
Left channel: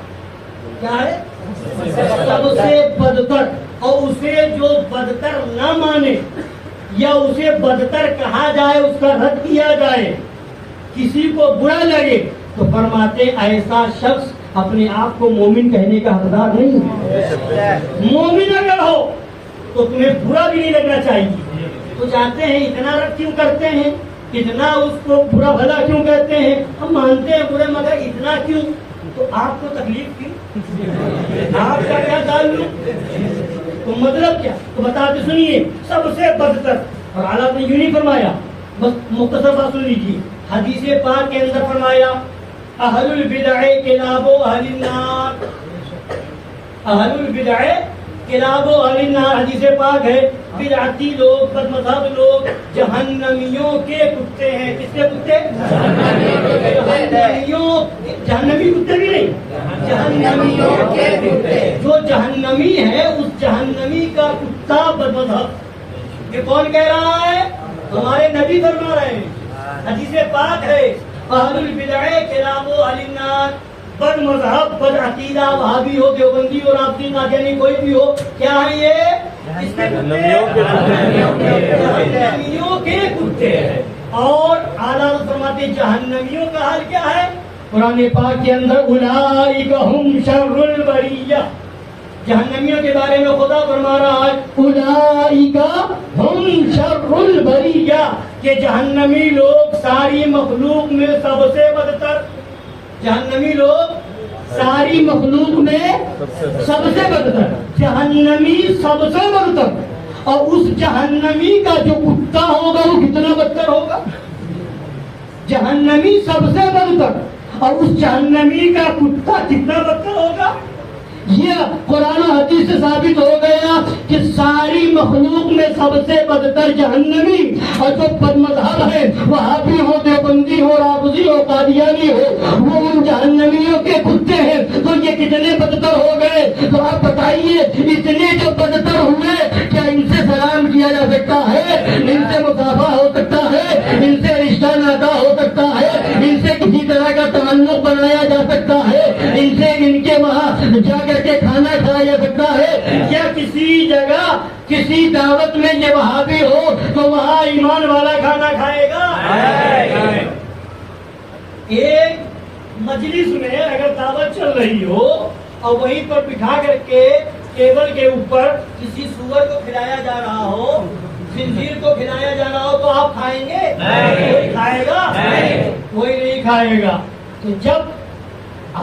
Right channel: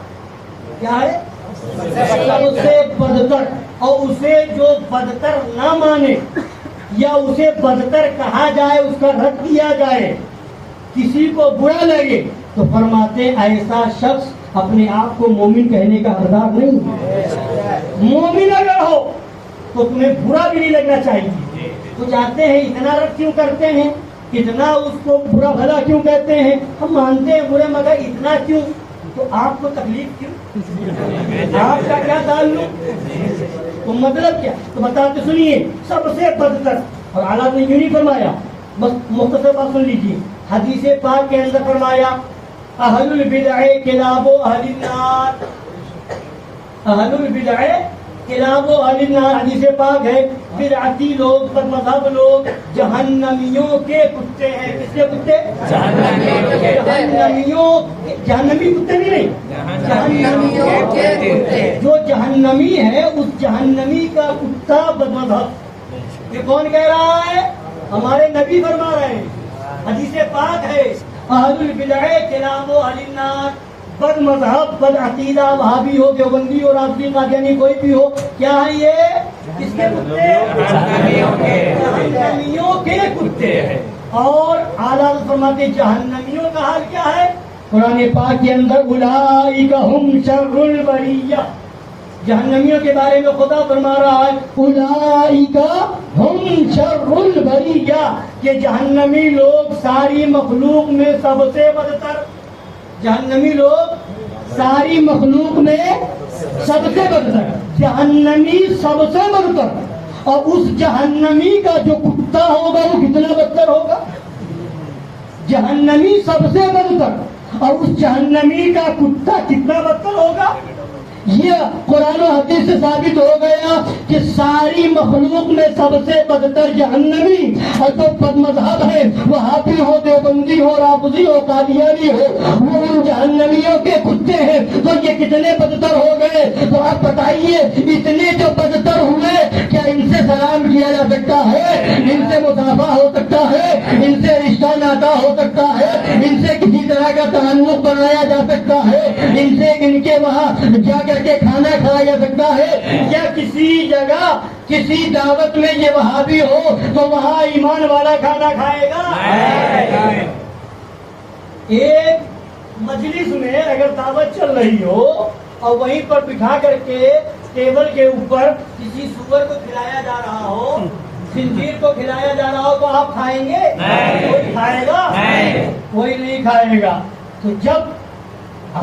کیا ہے؟ سب سے بدتر، اور اسے جو بدتر نہ مانے یا اسے بدتر کہا جائے، اس کا رد کیا جائے، کسی کو برا لگے تو فرماتے ایسا شخص اپنے آپ کو مومن کہنے کا حقدار نہیں ہے۔ مومن اگر ہو تو تمہیں برا بھی نہیں لگنا چاہیے۔ تو چاہتے ہیں اتنا رد کیوں کرتے ہیں، اتنا اس کو برا بھلا کیوں کہتے ہیں؟ ہم مانتے ہیں برے، مگر اتنا کیوں؟ تو آپ کو تکلیف کیوں؟ آپ کا کیا تعلق؟ تو مطلب کیا؟ تو بتاتے سنیے، سب سے بدتر، اور اعلیٰ نے یوں نہیں فرمایا، بس مختصر بات سن لیجیے، حدیث پاک کے اندر فرمایا اہل البدع کلاب اہل النار، اہل البدع کلاب اہل النار، حدیث پاک ہے، بدعتی لوگ، بد مذہب لوگ جہنمیوں کے کتے ہیں۔ کس کے کتے؟ جہنمیوں، جہنمی کتے بھی نہیں، جہنمیوں کے کتے۔ جو جہنمی ہے اس جہنمی کا کتا بد مذہب، یہ کون کہہ رہا ہے؟ ہمارے نبی فرما رہے ہیں، حدیث پاک ہے اہل البدع کلاب اہل النار، بد مذہب، بد عقیدہ، وہابی ہو، دیوبندی ہو، رافضی، قادیانی، کوئی بھی ہو، کیا ہے یہ؟ اس کے کتے جہنمیوں کے کتے ہیں۔ اور اعلیٰ فرماتے جہنمیوں کا حال کیا ہے؟ قرآن پاک کے اندر اولئک ہم شر البریہ، جہنمیوں کے بارے میں خدا فرما رہا ہے اولئک ہم شر البریہ، کہ جہنمی لوگ ساری مخلوق میں سب سے بدتر، جہنمی لوگ ساری مخلوق میں سب سے بدتر، جہنمی سب سے بدتر۔ اور اس جہنمی کا جو کتا ہوگا وہ کتنا بدتر ہوگا؟ جہنمی سب سے بدتر، اور اس جہنمی کا کتا کتنا بدتر ہوگا؟ یہ قرآن و حدیث سے ثابت ہو گیا کہ ساری مخلوق میں سب سے بدتر جہنمی، اور جو بد مذہب ہے، وہابی ہو، دیوبندی ہو، رافضی ہو، قادیانی ہو، وہ ان جہنمیوں کے کتے ہیں۔ تو یہ کتنے بدتر ہو گئے؟ تو آپ بتائیے، اتنے جو بدتر ہوئے، کیا ان سے سلام کیا جا سکتا ہے؟ ان سے مصافحہ ہو سکتا ہے؟ ان سے رشتہ ناتا ہو سکتا ہے؟ ان سے کسی طرح کا تعلق بنایا جا سکتا ہے؟ ان سے ان کے وہاں جا کر کے کھانا کھایا جا سکتا ہے؟ یا کسی جگہ کسی دعوت میں یہ وہابی ہو تو وہاں ایمان والا کھانا کھائے گا؟ ایک مجلس میں اگر دعوت چل رہی ہو اور وہیں پر بٹھا کر کے ٹیبل کے اوپر کسی سور کو کھلایا جا رہا ہو، خنزیر کو کھلایا جا رہا ہو، تو آپ کھائیں گے؟ کوئی کھائے گا؟ کوئی نہیں کھائے گا۔ تو جب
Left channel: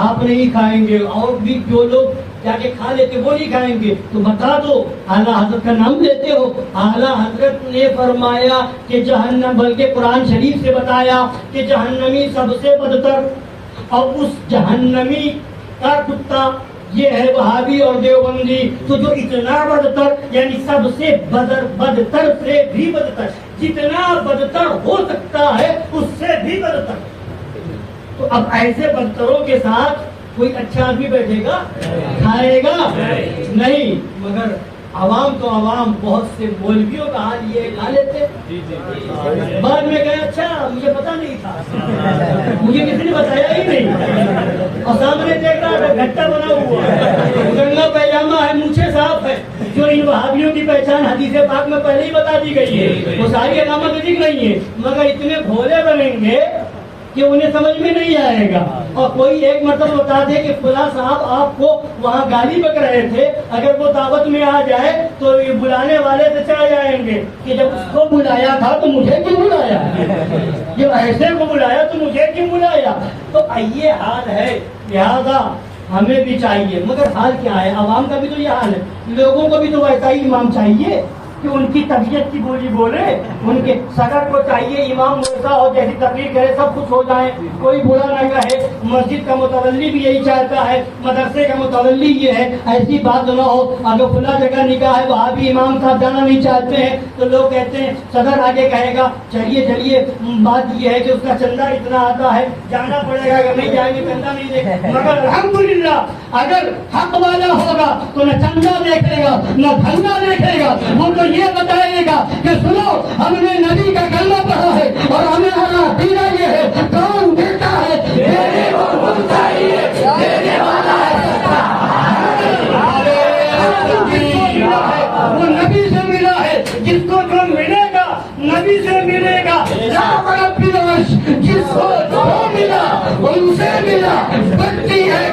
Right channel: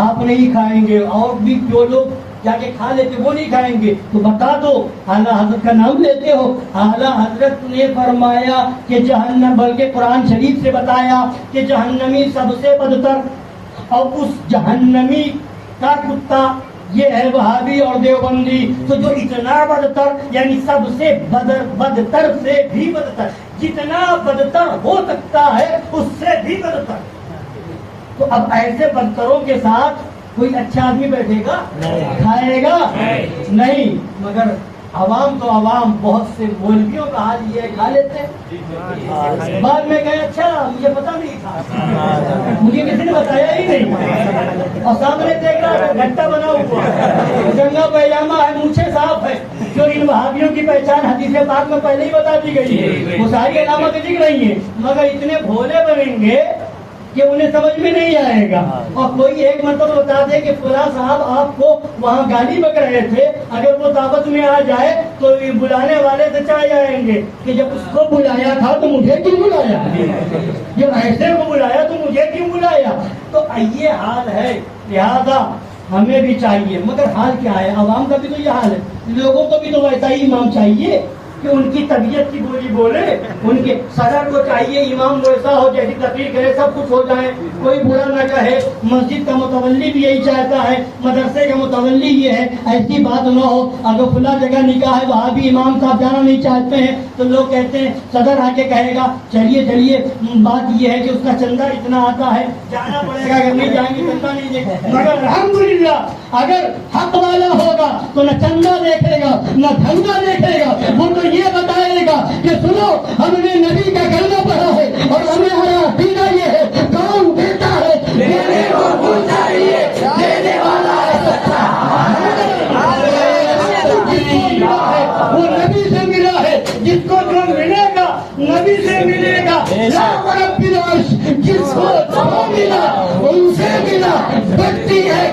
آپ نہیں کھائیں گے اور بھی جو لوگ جا کے کھا لیتے وہ نہیں کھائیں گے، تو بتا دو، اعلیٰ حضرت کا نام لیتے ہو، اعلیٰ حضرت نے فرمایا کہ جہنم، بلکہ قرآن شریف سے بتایا کہ جہنمی سب سے بدتر، اور اس جہنمی کا کتا یہ ہے وہابی اور دیوبندی۔ تو جو اتنا بدتر، یعنی سب سے بدتر سے بھی بدتر، جتنا بدتر ہو سکتا ہے اس سے بھی بدتر۔ تو اب ایسے بدتروں کے ساتھ کوئی اچھا آدمی بیٹھے گا؟ کھائے گا؟ نہیں۔ مگر عوام تو عوام، بہت سے مولویوں کا حال یہ ہے، کھا لیتے، بعد میں کہے اچھا مجھے پتا نہیں تھا، مجھے کسی نے بتایا ہی نہیں، اور سامنے دیکھ رہا ہے گھٹا بنا ہوا، گنگا پیجامہ ہے، مونچھیں صاف ہے، جو ان وہابیوں کی پہچان حدیث پاک میں پہلے ہی بتا دی گئی ہے، وہ ساری علامتیں دکھ رہی ہیں، مگر اتنے بھولے بنیں گے کہ انہیں سمجھ میں نہیں آئے گا۔ اور کوئی ایک مرتبہ بتا دے کہ فلاں صاحب آپ کو وہاں گالی بک رہے تھے، اگر وہ دعوت میں آ جائے تو یہ بلانے والے سے چاہ جائیں گے کہ جب اس کو بلایا تھا تو مجھے کیوں بلایا، جب ایسے کو بلایا تو مجھے کیوں بلایا۔ تو یہ حال ہے، لہذا ہمیں بھی چاہیے، مگر حال کیا ہے؟ عوام کا بھی تو یہ حال ہے، لوگوں کو بھی تو ویسا ہی امام چاہیے کہ ان کی طبیعت کی بولی بولے، ان کے صدر کو چاہیے امام ویسا ہو جیسی تقریر کرے سب کچھ ہو جائے، کوئی برا نہ کہے۔ مسجد کا متولی بھی یہی چاہتا ہے، مدرسے کا متولی یہ ہے، ایسی بات نہ ہو اگر کھلا جگہ نکاح ہے وہاں بھی امام صاحب جانا نہیں چاہتے ہیں تو لوگ کہتے ہیں صدر آگے کہے گا چلیے چلیے، بات یہ ہے کہ اس کا چندہ اتنا آتا ہے، جانا پڑے گا، اگر نہیں جائیں گے چندہ نہیں دے گا۔ مگر الحمدللہ اگر حق والا ہوگا تو نہ چندہ دیکھے گا نہ دھندا دیکھے گا، وہ تو یہ بتائے گا کہ سنو ہم نے نبی کا کلمہ پڑھا ہے اور ہمیں ہمارا عقیدہ یہ ہے، کون دیتا ہے دینے کو چاہیے، دینے والا ہے وہ نبی سے ملا ہے، جس کو جو ملے گا نبی سے ملے گا، جس کو جو ملا ان سے ملا، بڑھتی ہے